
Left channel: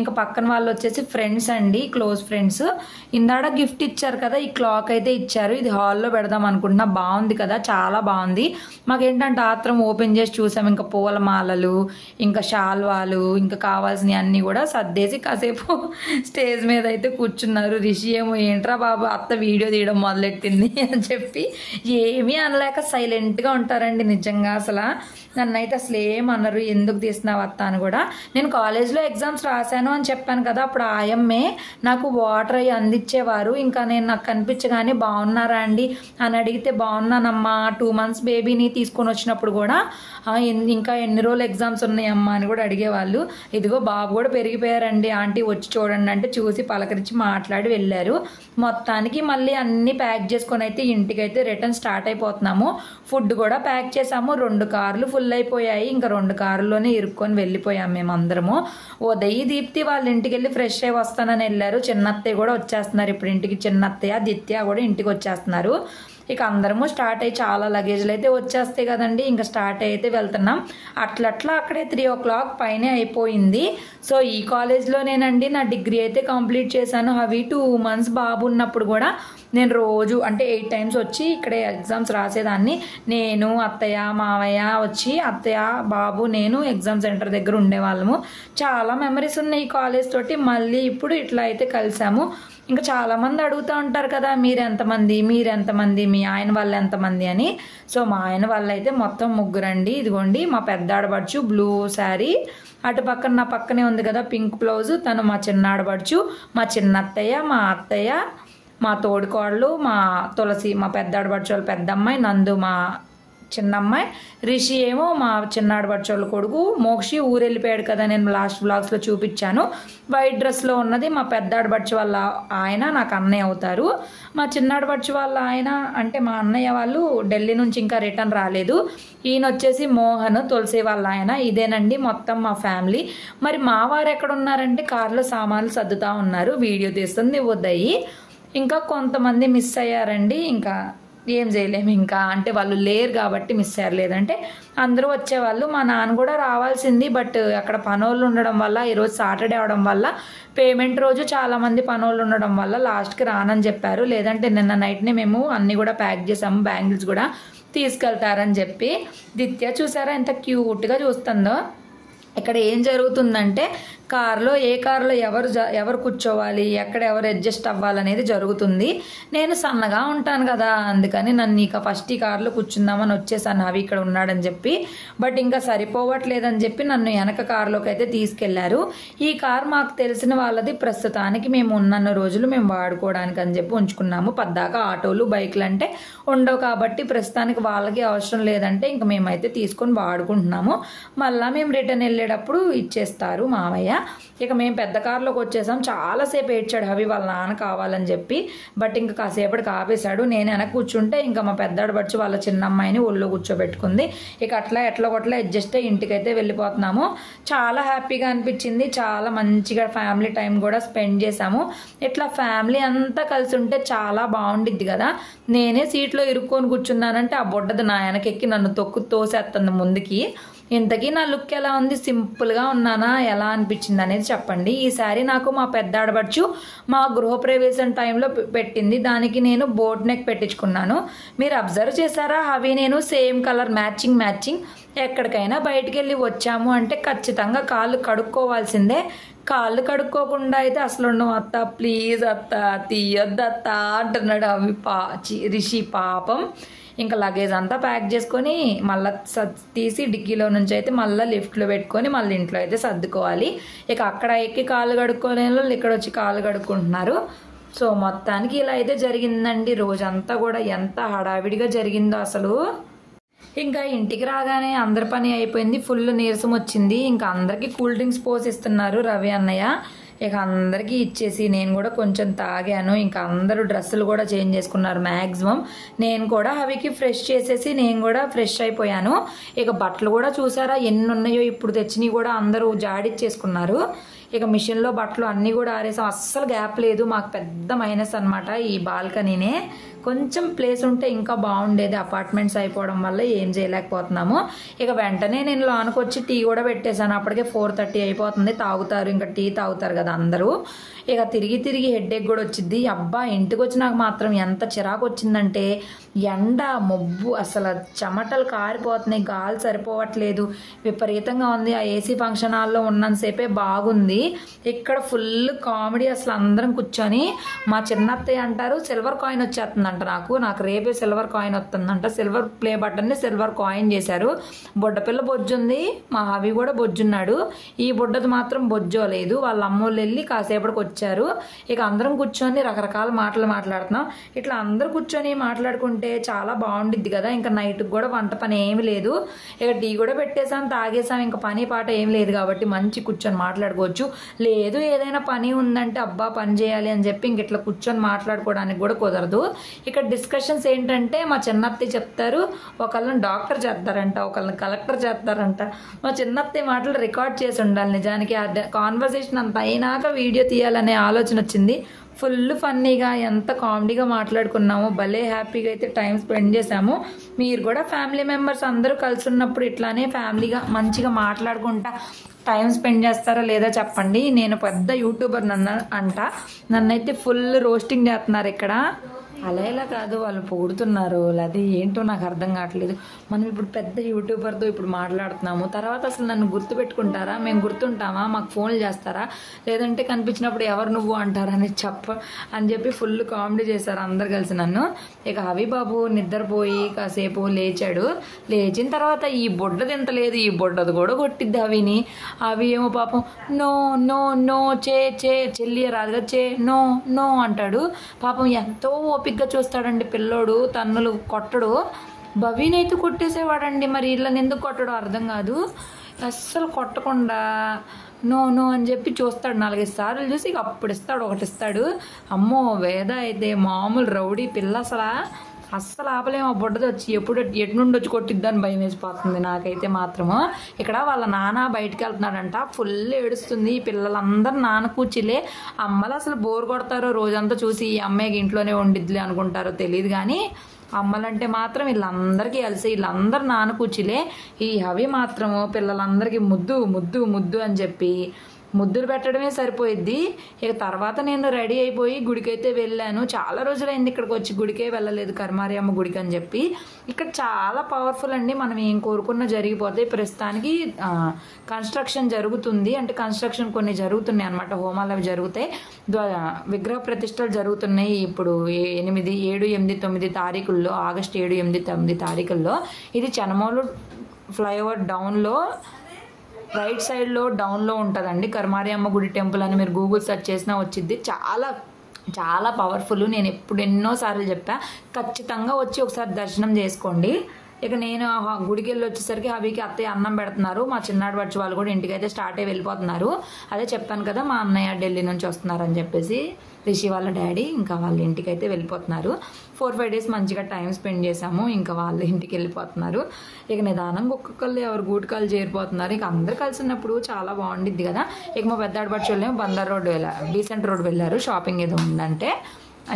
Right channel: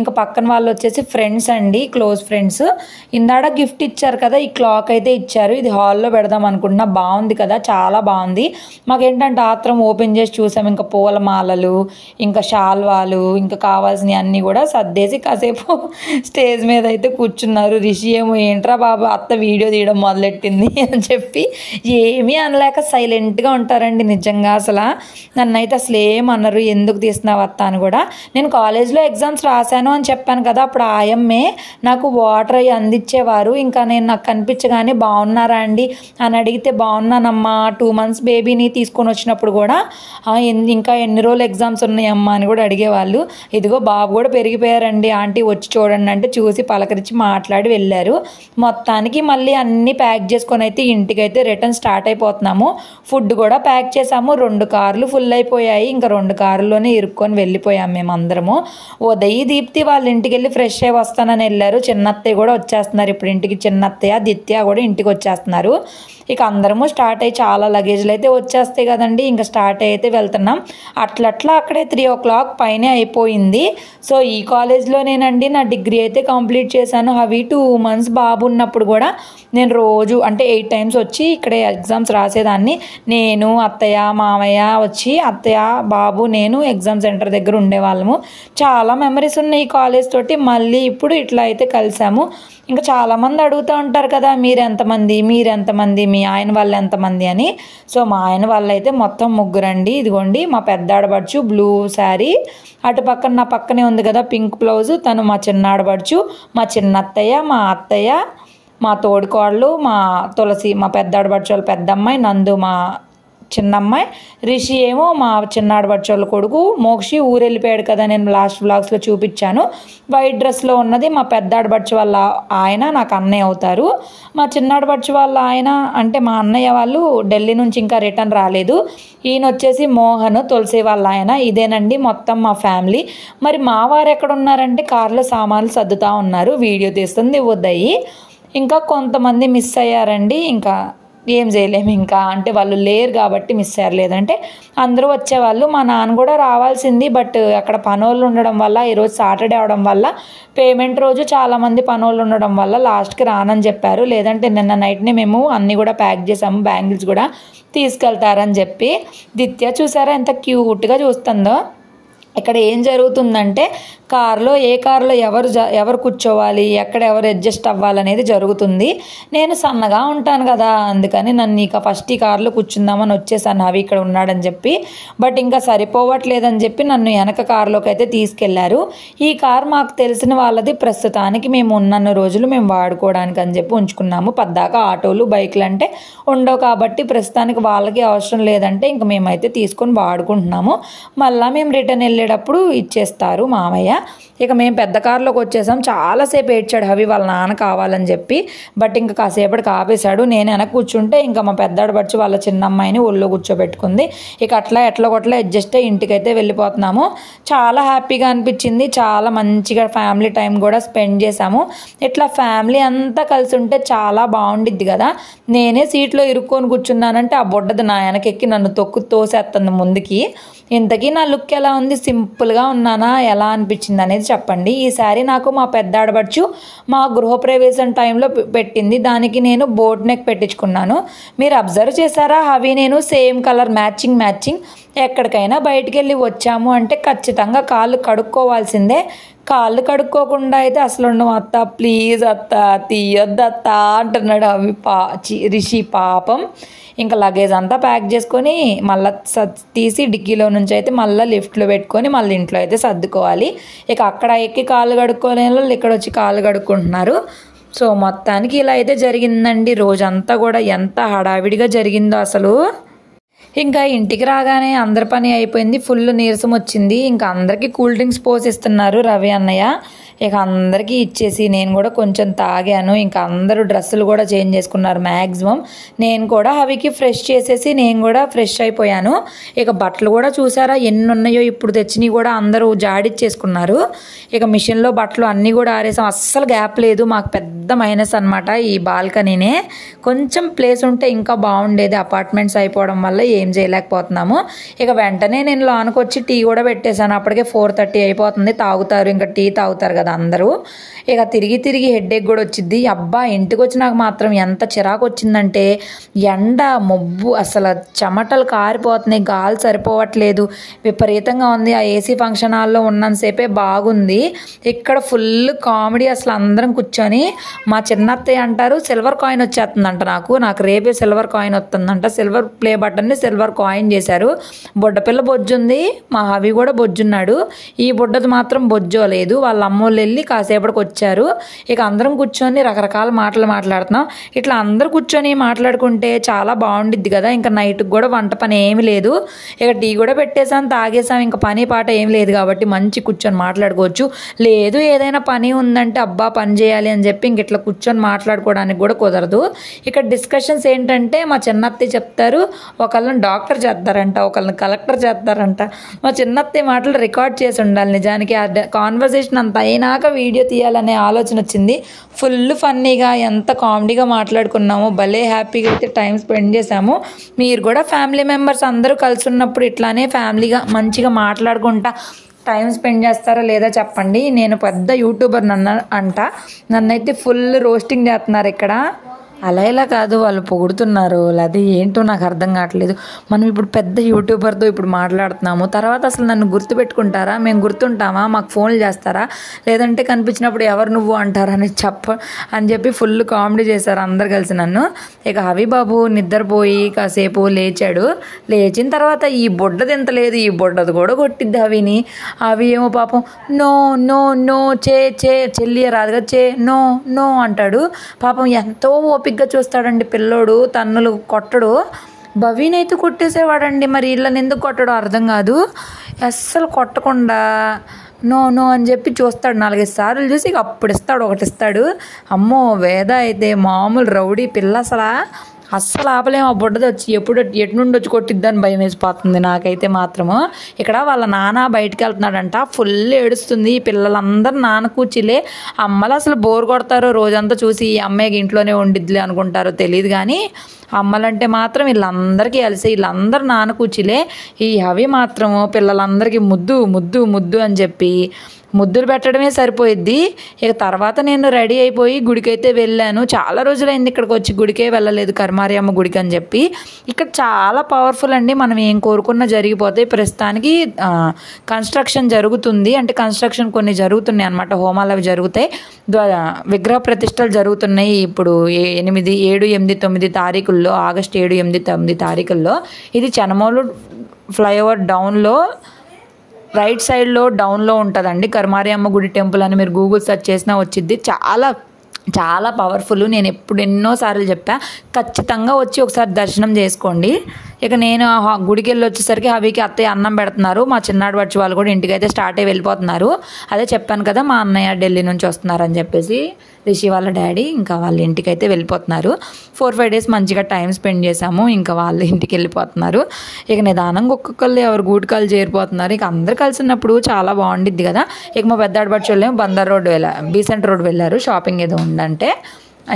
ఇంకా పక్కన వాళ్ళు వచ్చేసి ఫ్రెండ్స్ అండి, క్లోజ్ ఫ్రెండ్స్. ఇందాడ గిఫ్ట్ ఇచ్చారు కదా, ఈ క్లాక్ అయితే ఇచ్చారు. ఇది హాల్లో పెడదాం అనుకుంటున్నా. బాగుంది కదా, చాలా బాగుంది. మాకేంటంటే ఆత్రం ఓపెన్ చేసి చూసాం. ఇంకా పూలమాలలు, ఇంకా షాల్వాలు, ఇంకా కావాల్సినవి అన్నీ కూడా సర్దేసి కాసేపు స్టేజ్ మీద అయితే కూర్చున్నారు. రిషి ఏమో ఏంట్రా బాబు అత్త వీడియో తీయడం మొదలెట్టింది అని చెప్పి ఏమీ అనలేక సైలెంట్గా ఉంటారండి. నిజంగా అసలు నన్నైతే అసలు ఏమన్నారు, ఎందుకు తీస్తున్నావు అత్త అని కూడా. నేను కాలేజ్లో ఎగ్జామ్స్ రాశాను అని చెప్పాను కదా, అప్పుడు ఆయమ్మే నాకు వాటర్ అవి అందించేవారు. ఇంకా నాకు కనిపించగానే బాగున్నారా అండి అని అడిగితే బాగున్నానమ్మా, 2 months బేబీని తీసుకొని వచ్చినప్పుడు కూడా ఇంకా ఎన్ని రోజులు ఎగ్జామ్స్ ఉన్నాయమ్మా అని కూడా అడిగేవాళ్ళు. ఇదిగో బాబు కూడా పెరిగిపోయారండి, ఆంటీ వచ్చి చూడండి అంటే చూసి పలకరించి మాట్లాడి వెళ్ళారు. మొత్తానికి మళ్ళీ అన్నీ ప్యాక్ చేసుకొని అయితే ఇంటికైతే రిటర్న్ స్టార్ట్ అయిపోతున్నాము. ఫుడ్ కూడా ప్యాక్ చేసాము. 2 కార్లు ఫుల్ అయిపోయాయి. ఇంకా 2 కార్లోనే ఇరుక్కొని వెళ్ళిపోయాము మేము అందరము. ఉదయ్ దీప్తి వాళ్ళ ఇంటికి వెళ్ళి ఫ్రెష్ అయ్యి వస్తానని వెళ్ళారు. చిన్నత్తయ్య కూడా వచ్చేస్తున్నారు ఇప్పుడు ఇంటికి. చిన్నత్తయ్య దిత్య కూడా ఇంటికి వచ్చేస్తున్నారు. ఇక అందరము స్టార్ట్ అయ్యి చాలా లగేజ్లు అయితే వచ్చేస్తాయి కదండి, ఇంకా స్టార్ట్ అయితే వెళ్తున్నాం. అట్లట్లా అక్కడే 3 o'clock పైనే అయిపోయింది. సో ఈ కాలేజ్లోనేనండి నా డిగ్రీ అయితే కంప్లీట్ చేశాను. అవి 2 months బాబు ఉన్నప్పుడు కూడా నేను రోజు అంటే 8 times వచ్చి ఇక్కడే ఎగ్జామ్స్ రాసేదాన్ని. నేను అత్తయ్య మామయ్య వచ్చి అత్తయ్య బాబు నేను ఎగ్జామ్ సెంటర్ దగ్గర ఉండేవాళ్ళము. చాలా మెమరీస్ ఉన్నాయి ఈ కాలేజ్ తోటి. మళ్ళీ ఇప్పుడు ఇట్లా అయితే కలిసాము. ఇంకా చాలామంది అడుగుతూ ఉంటారు కదా, మీరెంతమంది మీ ఆయన వాళ్ళు ఎంతమంది అని. సో మా ఆయన వాళ్ళు అయితే మొత్తం 3 అండి. ఇదిగోండి మా పెద్ద ఆడబడుచు బ్లూ శారీ, అటు పక్కన నా పక్కనే ఉంది కదా పింక్ బ్లౌజ్, తను మా చిన్న ఆడబడుచు, మా చిన్నత్తయ్య, మా అత్తయ్య, మా తోడుకోళ్ళు, మా తులసి మా పెద్ద ఆడబడుచు వాళ్ళ పెద్దమ్మాయి, నందు మా చిన్నమ్మాయి, రిషి ఏమో మా చిన్నాడు బడ్చోళ్ళ కొడుకు. మోక్షి ఊరు వెళ్ళిపోయాడు కదా, నేను లాస్ట్ వ్లాగ్స్లో చూపించాను. వైట్ డ్రెస్లో ఉన్నది మా పెద్దాడు బడ్చి వాళ్ళ ఆయన, నాకు అన్నయ్య అవుతారు. మా చిన్నాడు బడ్చి వాళ్ళ ఆయన అంటే మా అన్నయ్య వాళ్ళు ఢిల్లీ నుంచి ఇంకా రిటర్న్ రాలేదు. ఈయన వచ్చేసి మోహన్, తులసి వాళ్ళ ఆయన. ఇదేనండి మొత్తం మా ఫ్యామిలీ. మరి మా వారు ఎక్కడ ఉన్నారంటే కార్లో సామాన్లు సర్దుతూ ఉన్నారు, వీడియో తీస్తుంది ఉదయ్. ఇంకా కొంతమంది మిస్ అయ్యారండి, ఇంకా ఏం చేయలేము. ఇంకా అంటే వాళ్ళు లేరు కాబట్టి మిస్ అయ్యారు, లేదంటే అందరూ వచ్చేవాళ్ళు. మా నాన్న కూడా రావాల్సింది, బట్ అక్కడ పనోళ్ళు ఉండడం వల్ల, ఈరోజు సాటర్డే అవడం వల్ల, పేమెంట్ రోజు చాలామంది పనోళ్ళు ఉండడం వల్ల లాస్ట్కి రానని చెప్పారు. లేదంటే నిన్న నైట్నే మేము అన్నీ కూడా ప్యాక్ చేసాము, బ్యాంగిల్స్ కూడా తీసుకెళ్తారని చెప్పి. దిత్య చూసారా ఎంత క్యూట్గా చూస్తుందో. ఇక్కడ ఏం జరుగుతుందంటే కార్లో ఏ కార్లో ఎవరు కూర్చోవాలి, ఎక్కడ ఎవరు అడ్జస్ట్ అవ్వాలనేది జరుగుతుంది. నేను సన్నగా ఉంటాను కదా, అందుకని నన్ను ఇక ఫస్ట్ ఈ కార్లో కూర్చుందామని వచ్చేసాను, అవి ఇక్కడ ఉన్నాడని చెప్పి. బట్ ఇంకా సరిపోవట్లేదని చెప్పి నన్ను వెనక కార్లోకి అయితే తీసుకెళ్లారు. ఈ కార్ మాకు తెలిసిన వాళ్ళది, ప్రస్తుతానికి మేము ఉన్నన్ని రోజులు మేము వాడుకోవడానికి అని చెప్పి ఉంచుకున్నాము. పద్దాక ఆటోలు బైకులు అంటే ఉండవు కాబట్టి ప్రస్తుతానికి వాళ్ళకి అవసరం లేదంటే ఇంక మేమైతే తీసుకొని వాడుకుంటున్నాము. మళ్ళీ మేము రిటర్న్ వెళ్ళేటప్పుడు ఇచ్చేస్తారు మామయ్య. ఇక మేము పెద్ద కారులోకి వచ్చేసాం. చాలాసేపు ఏడ్చాడు హవి వాళ్ళ నాన్న కావాలని చెప్పి. బట్ ఇంకా కాసేపటికి ఆపేశాడు. నేను వెనక కూర్చుంటే ఇంకా మా పెద్దాడు బచ్చి వాళ్ళ చిన్న అమ్మాయిని ఒళ్ళో కూర్చోబెట్టుకుంది. ఇక అట్లా ఎట్లా కొట్లా అడ్జస్ట్ అయ్యి ఇంటికైతే వెళ్ళిపోతున్నాము. చాలా హ్యాపీగా అనిపించింది. చాలా మంచిగా ఫ్యామిలీ టైం కూడా స్పెండ్ చేసాము. ఇట్లా ఫ్యామిలీ అంతా కలిసి ఉంటే చాలా బాగుండిద్ది కదా. నేనే సీట్లో ఇరుక్కొని కూర్చున్నానంటే ఆ బొడ్డది నా వెనకెక్కి నన్ను తోసేస్తుంది ముందుకి. ఇంతకీ నా లుక్ ఎలా ఉంది, సింపుల్గా ఉన్నానా, ఎలా అనిపించింది అనేది చెప్పండి. ఈసారి నాకు మా పెద్ద ఆడబడుచు మా గృహప్రవేశం టైంలో పెట్టింది. దానికి నేను బోట్ నెక్ పెట్టించుకున్నాను. మీరు అబ్జర్వ్ చేశారా, అవి నేను సేమ్ కలర్ మ్యాచింగ్. ఎక్కడికైనా బయటికి వెళ్ళి వచ్చాము అంటే ఖచ్చితంగా కాళ్ళు కడుక్కోవాల్సిందే. కాళ్ళు కడుక్కోకుండా అయితే అసలు ఉండవు. అత్త ప్లీజ్ అత్త తీయొద్దు అత్త అంటున్నాడు అవి రిషి పాపం. ఇంకా లగేజ్ అంతా ప్యాక్ చేసుకొని మళ్ళీ తీసి డిక్కీలో నుంచి అయితే మళ్ళీ లిఫ్ట్లో పెట్టుకొని మళ్ళీ ఇంట్లో అయితే సర్దుకోవాలి. ఇక అక్కడ ఎక్కి కాళ్ళు కడుక్కోలేని వాళ్ళు ఇక్కడ వచ్చి కాళ్ళు కడుక్కుంటున్నారు. సో మొత్తానికి ఇలా అయితే జరిగిందండి. రోజంతా కూడా ఎంత హడావిడిగా జరిగిందో అసలు. ఇంకా ఇంటికి రాగానే అందరి పని అయిపోయింది. ఫుల్ నీరసం వచ్చింది. ఇంకా అందరికీ కూల్ డ్రింక్స్ పోసిస్తున్నారు రవి అన్నయ్య. ఇక అందరికీ ఇచ్చేసి నేను కూడా కొంచెం తాగాను. ఇంకా అందరూ డ్రెస్సులు కూడా చేంజ్ చేసుకున్నారు మ్యాక్సిమం. నేను కూడా అవికి ఫ్రెష్ చేసేసి నేను కూడా ఫ్రెష్ అయిపోయాను. ఇక బట్టలు కూడా చూసారా ఎన్ని ఉన్నాయో, ఇప్పుడు తెచ్చినవి కూడా అందరూ జాడిచ్చేసుకున్నారు. ఇక మిషన్లో బట్టలు అన్నీ కూడా ఆరేసాం. అస్సలు గ్యాప్ లేదు. మాకు పెద్ద మైనస్ అనమాట ఈ బాల్కనీనే. కొంచెం ప్లేస్ ఉంటే ఇంకా బాగుండేది. అపార్ట్మెంట్స్ అయిపోవడం వల్ల ఏం చేయలేకపోతున్నాము. ఇక వెంటనే నేను లోనికి వచ్చి టీ కూడా పెట్టేశాను. అప్పటికే 4:30 అయిపోతుంది. తాగుతారు, ఇంకా టీ తాగుతారు కదా అందరూ. ఇక తిరిగి హెడ్ఏక్ కూడా వచ్చింది. అబ్బా ఇంటికి వచ్చి నాకు మాత్రం ఎంత చిరాకు వచ్చిందంటే, ఎండ మొబ్బు అసలు చెమటలు కారిపోతున్నాయి, గాలి సరిపోవట్లేదు, విపరీతంగా ఉంది. ఆ ఏసీ ఫంక్షన్ హాల్లో ఉన్నంతసేపే బాగుంది. ఇక్కడ ఫుల్ కామెడీ. అసలు అందరం కూర్చొని మా చిన్నత్తయ్య అంటారు సిల్వర్ కాయిన్ వచ్చేస్తుందంట. నాకు రేపే సిల్వర్ కాయిన్ వస్తుందంట. సిల్వర్ ప్లే బటన్ని సిల్వర్ కాయిన్ చేశారు. బుడ్డపిల్ల బొజ్జుంది, మా హవి కూడా బొజ్జున్నాడు. ఈ బుడ్డది మాత్రం బొజ్జోలేదు. వాళ్ళ అమ్మోళ్ళు వెళ్ళి కాసేపటికి వచ్చారు. ఇక అందరం కూర్చొని రకరకాల మాటలు మాట్లాడుతున్నాం. ఇట్లా అందరూ కూర్చొని మాట్లాడుకుంటే చాలా బాగుండిద్ది కదా. ఇంకా నైట్కి కూడా వంట పని ఏమి లేదు. ఇక టీ కూడా పెట్టేసాం, తాగేసాం. ఇంకా పని పాట ఏం లేదు కాబట్టి మంచి కూర్చొని మాట్లాడుకోవచ్చు. లేదు ఏదైనా పని ఉందంటే అబ్బా పని చేయాలి అని చెప్పి ఇంక ఇట్లా కూర్చొని మాట్లాడుకోవడానికి కూడా కుదరదు. ఇక్కడ డిస్కషన్స్ ఏంటంటే మా చిన్నత్తయ్య చెప్తారు, ఒకళ్ళని డాక్టర్ చేస్తారంట, ఒకళ్ళని కలెక్టర్ చేస్తారంట. మా చిన్నత్తయ్య మాటలు రికార్డ్ చేసి ఉండాలి. నిజానికి ఆ కాన్వర్సేషన్ అంత అయినాక వీడియో తీయాలనే ఆలోచన వచ్చింది. ఫుల్ ఫన్నీగా ఎంత కామెడీగా మాట్లాడుకున్నాము. భలే హ్యాపీగా అయితే టైం స్పెండ్ చేసాము. మీరు కూడా ఫ్యామిలీ మెంబర్స్ అందరూ కలిసి ఉన్నప్పుడు ఇట్లానే ఫ్యామిలీగా మంచిగా మాట్లాడుకుంటా టైం స్పెండ్ చేస్తారా లేదా చెప్పండి. నేను పెద్ద యూట్యూబర్ నన్నైతే ఫుల్ రోస్టింగ్ చేస్తున్నారు ఇక్కడ. అలా ఇలా కాదు, వాళ్ళు పొగుడుతున్నారు. అది ఏంటో నాకు అర్థం కావట్లేదు. మనం ఇప్పుడు పెద్ద యూట్యూబర్తో ఇప్పుడు మాట్లాడుతున్నాము. తర్వాత అసలు నన్ను గుర్తుపెట్టుకుంటారా, మేము గుర్తుంటామా, మాకు ఫోన్లు చేస్తారా, లేదంటే కనిపించినప్పుడు ఎవరు నువ్వు అంటారా అని చెప్పి ఫుల్ కామెడీ చేశారు అందరు కలిసి నన్ను. ఇక హవి బాబు నిద్రపోయి కాసేపు లేచాడు. లేచిన తర్వాత ఈ బొడ్డది ఎంత లేదు, ఈ బొడ్డది కూడా కొట్టిద్ది హవిని. అవి ఏమో పాపం నో నో నో చెల్లి రాదుగా నో అంటాడు. పాపం ఎంతో ఓపికగా చూస్తాడండి పిల్లోడు, తన్నులు కొట్టడు. భవీనైతే కొట్టేసేవాడండి. మరి వీళ్ళని ఎందుకు కొట్టడో అర్థం కాదు. అస్సలు కొట్టకుండా నో అని చెప్పి చూస్తాడు. 4-5 సార్లు చూసి ఇక అప్పుడు ఇస్తాడు, ఒకటి ఇస్తాడు. అమ్మో వేద అయితే మామూలు రౌడీ పిల్ల. అస్సలు ఆపలేము. ఆ బుడ్డది వచ్చి ఎటు నుండి వచ్చి కొట్టిద్దని భయం వేసిపోతుంది నాకైతే మాత్రము. ఇక్కడ వాళ్ళ నాన్న బయటికి వెళ్తున్నాడంట. ఫుల్ ఏడుస్తుంది. ఈ పిల్లలందరూ నాన్న కూర్చిలే. అమ్మలు అసలు బోర్ కొడతారో రోజంతా చూసి ఈ అమ్మాయికి ఇంట్లోనే వండిద్దిలే అనుకుంటారో తెలియదు కానీ అమ్మలంటే మాత్రం వీళ్ళందరికీ కలిసి వీళ్ళందరూ నాన్న కూర్చిలే. ఈ అవి మాత్రము పిల్లలందరికీ ముద్దు అని చెప్పి ముద్దులు పెట్టడమే సరిపోయిద్ది. ఇక తర్వాత నేను రెడీ అయిపోయి గుడికైతే వెళ్ళాను. చాలా రోజులైంది ఇక్కడికి వచ్చి, గుడికే వెళ్ళలేదు, కర్మారి అమ్మ గుడికి అని చెప్పి. ఇక్కడ చాలా పవర్ఫుల్ అండి. మనం ఏం కోరుకున్నా జరిగిపోతాయి. ప్రస్తుతానికి కన్స్ట్రక్షన్ జరుగుతుంది. అంటే కన్స్ట్రక్షన్ కొన్ని జరుగుతున్నాయి అన్నమాట. హోమాలు అవి జరుగుతాయి, విగ్రహ ప్రతిష్టలు జరుగుతున్నాయి. ఇప్పుడు 7, 8, 9 తారీఖుల్లో, ఆగస్టు 7, 8, 9 తారీఖుల్లో. ఇది చెనమోలు ఫ్లైఓవర్ డౌన్లో రైట్ సైడ్లో డౌన్లో ఉంటుందండి కర్మారి అమ్మ గుడి టెంపుల్ అని మీరు గూగుల్ సెర్చ్ చేసినా వచ్చింది. చాలా పవర్ఫుల్. నేను ఎన్నోసార్లు చెప్పా, ఖచ్చితంగా వచ్చి ఒకసారి దర్శనం చేసుకోండి. ఇక నేను గుడికి వెళ్ళి వచ్చేసరికి హవికి అత్తయ్య అన్నం పెడుతున్నారు. మా చిన్నాడు వచ్చి వాళ్ళు కూడా ఇంటికైతే స్టార్ట్ అయ్యి వెళ్ళిపోతున్నారు. అదే చెప్పాను కదా మా అన్నయ్య ఢిల్లీ నుంచి వస్తున్నారని చెప్పేసి, రిషి వాళ్ళ డాడీ ఇంకా వాళ్ళ ఇంటికైతే వెళ్ళిపోతున్నారు. 4-5 డేస్ మంచిగా టైం స్పెండ్ చేశాము. ఇంకా వాళ్ళ ఇంటికి వెళ్ళిపోతున్నారు. ఇక నిదానంగా ఒక్కొక్కళ్ళు ఎవరు గూటికాలు చేరిపోతున్నారు. ఇక అందరు కలిసినప్పుడు చాలా బాగుండిద్ది కదా. ఇక మా పెద్ద ఆడపడుచు వాళ్ళేమో బందర్ రోడ్ బీసెంట్ రోడ్ వెళ్ళారు, షాపింగ్ ఏదో ఉందంటే.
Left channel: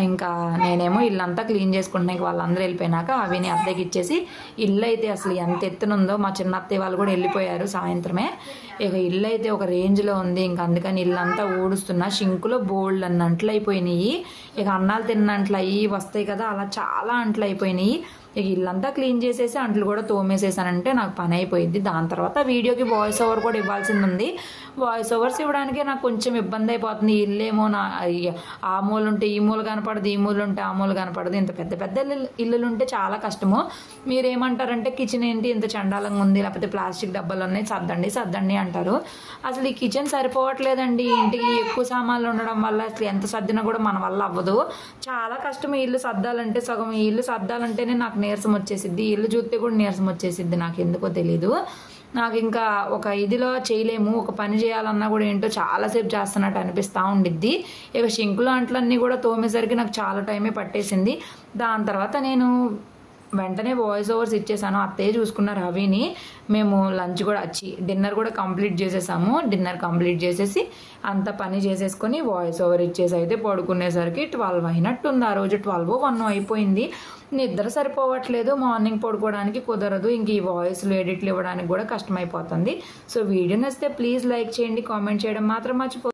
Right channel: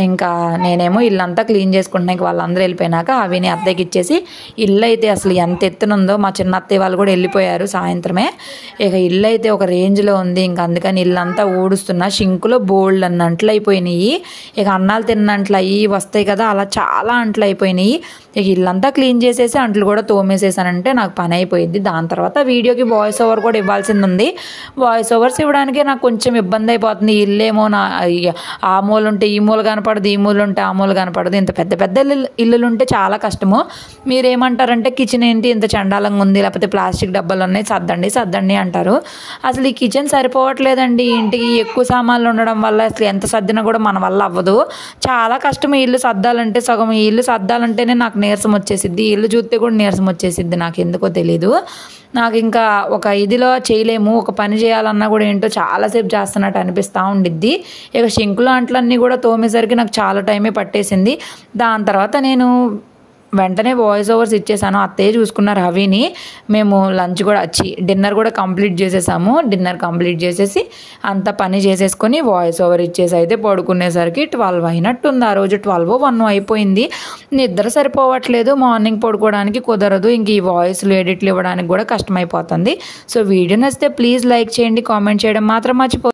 ఇంకా నేనేమో ఇల్లంతా క్లీన్ చేసుకుంటున్నాయి. వాళ్ళందరూ వెళ్ళిపోయినాక అవిని అత్తయ్యకి ఇచ్చేసి, ఇల్లు అయితే అసలు ఎంత ఎత్తునుందో, మా చిన్న అత్తయ్య వాళ్ళు కూడా వెళ్ళిపోయారు సాయంత్రమే. ఇక ఇల్లు అయితే ఒక రేంజ్లో ఉంది. ఇంకా అందుకని ఇల్లంతా ఊడుస్తున్నా. షింకులో బోల్డ్ అన్న అంట్లు అయిపోయినాయి. ఇక అన్నాలు తిన్న అంట్లు అవి వస్తాయి కదా, అలా చాలా అంట్లు అయిపోయినాయి. ఇక ఇల్లంతా క్లీన్ చేసేసి అంట్లు కూడా తోమేసేసానంటే నాకు పని అయిపోయింది. దాని తర్వాత వీడియోకి వాయిస్ ఓవర్ కూడా ఇవ్వాల్సింది ఉంది. వాయిస్ ఓవర్స్ ఇవ్వడానికే నాకు కొంచెం ఇబ్బంది అయిపోతుంది. ఇల్లేమో ఆ మూల ఉంటే ఈ మూల కనపడదు, ఈ మూల ఉంటే ఆ మూల కనపడదు. ఇంత పెద్ద పెద్ద ఇల్లులు ఉంటే చాలా కష్టము. మీరేమంటారంటే కిచెన్ ఏంటి ఇంత చండాలంగా ఉంది, లేకపోతే ప్లాస్టిక్ డబ్బాలు ఉన్నాయి, సర్దండి అంటారు. అసలు ఈ కిచెన్ సరిపోవట్లేదండి. ఇంటికి ఎక్కువ సామాన్లు ఉండడం వల్ల అసలు ఎంత సర్దినా కూడా మన వల్ల అవ్వదు. చాలా కష్టం ఈ ఇల్లు సర్దాలంటే. సగం ఈ ఇల్లు సర్దాలంటేనే నాకు నీరసం వచ్చేసిద్ది. ఇల్లు చూస్తే కూడా నీరసం వచ్చేసిద్ది. నాకు ఎందుకో తెలీదు. నాకు ఇంకా ఒక ఇదిలో చేయలేము. ఒక పని చేయాలన్నా కూడా ఏంటో చాలాసేపు చేస్తున్నట్టు అనిపిస్తూ ఉండిద్ది. ఇక షింకులు అంట్లన్నీ కూడా తోమేసరికి నాకు చాలా టైమే పట్టేసింది. దాని తర్వాత నేను వెంటనే వాయిస్ ఓవర్స్ ఇచ్చేసాను. అత్తయ్య చూసుకున్నారు హవిని. మేము లంచ్ కూడా డిన్నర్ కూడా కంప్లీట్ చేసేసాము. డిన్నర్ కంప్లీట్ చేసేసి అంత పని చేసేసుకొని వాయిస్ ఓవర్ ఇచ్చేసి అయితే పడుకునేసరికి 12 అయినట్టుంది. ఆ రోజు 12-1 అయిపోయింది. నిద్ర సరిపోవట్లేదు. మార్నింగ్ పడుకోవడానికి కుదరదు. ఇంక ఈ వాయిస్లు ఎడిట్లు ఇవ్వడానికి కూడా కష్టమైపోతుంది. సో వీడియో నచ్చితే ప్లీజ్ లైక్ చేయండి, కామెంట్ చేయడం మాత్రం మర్చిపో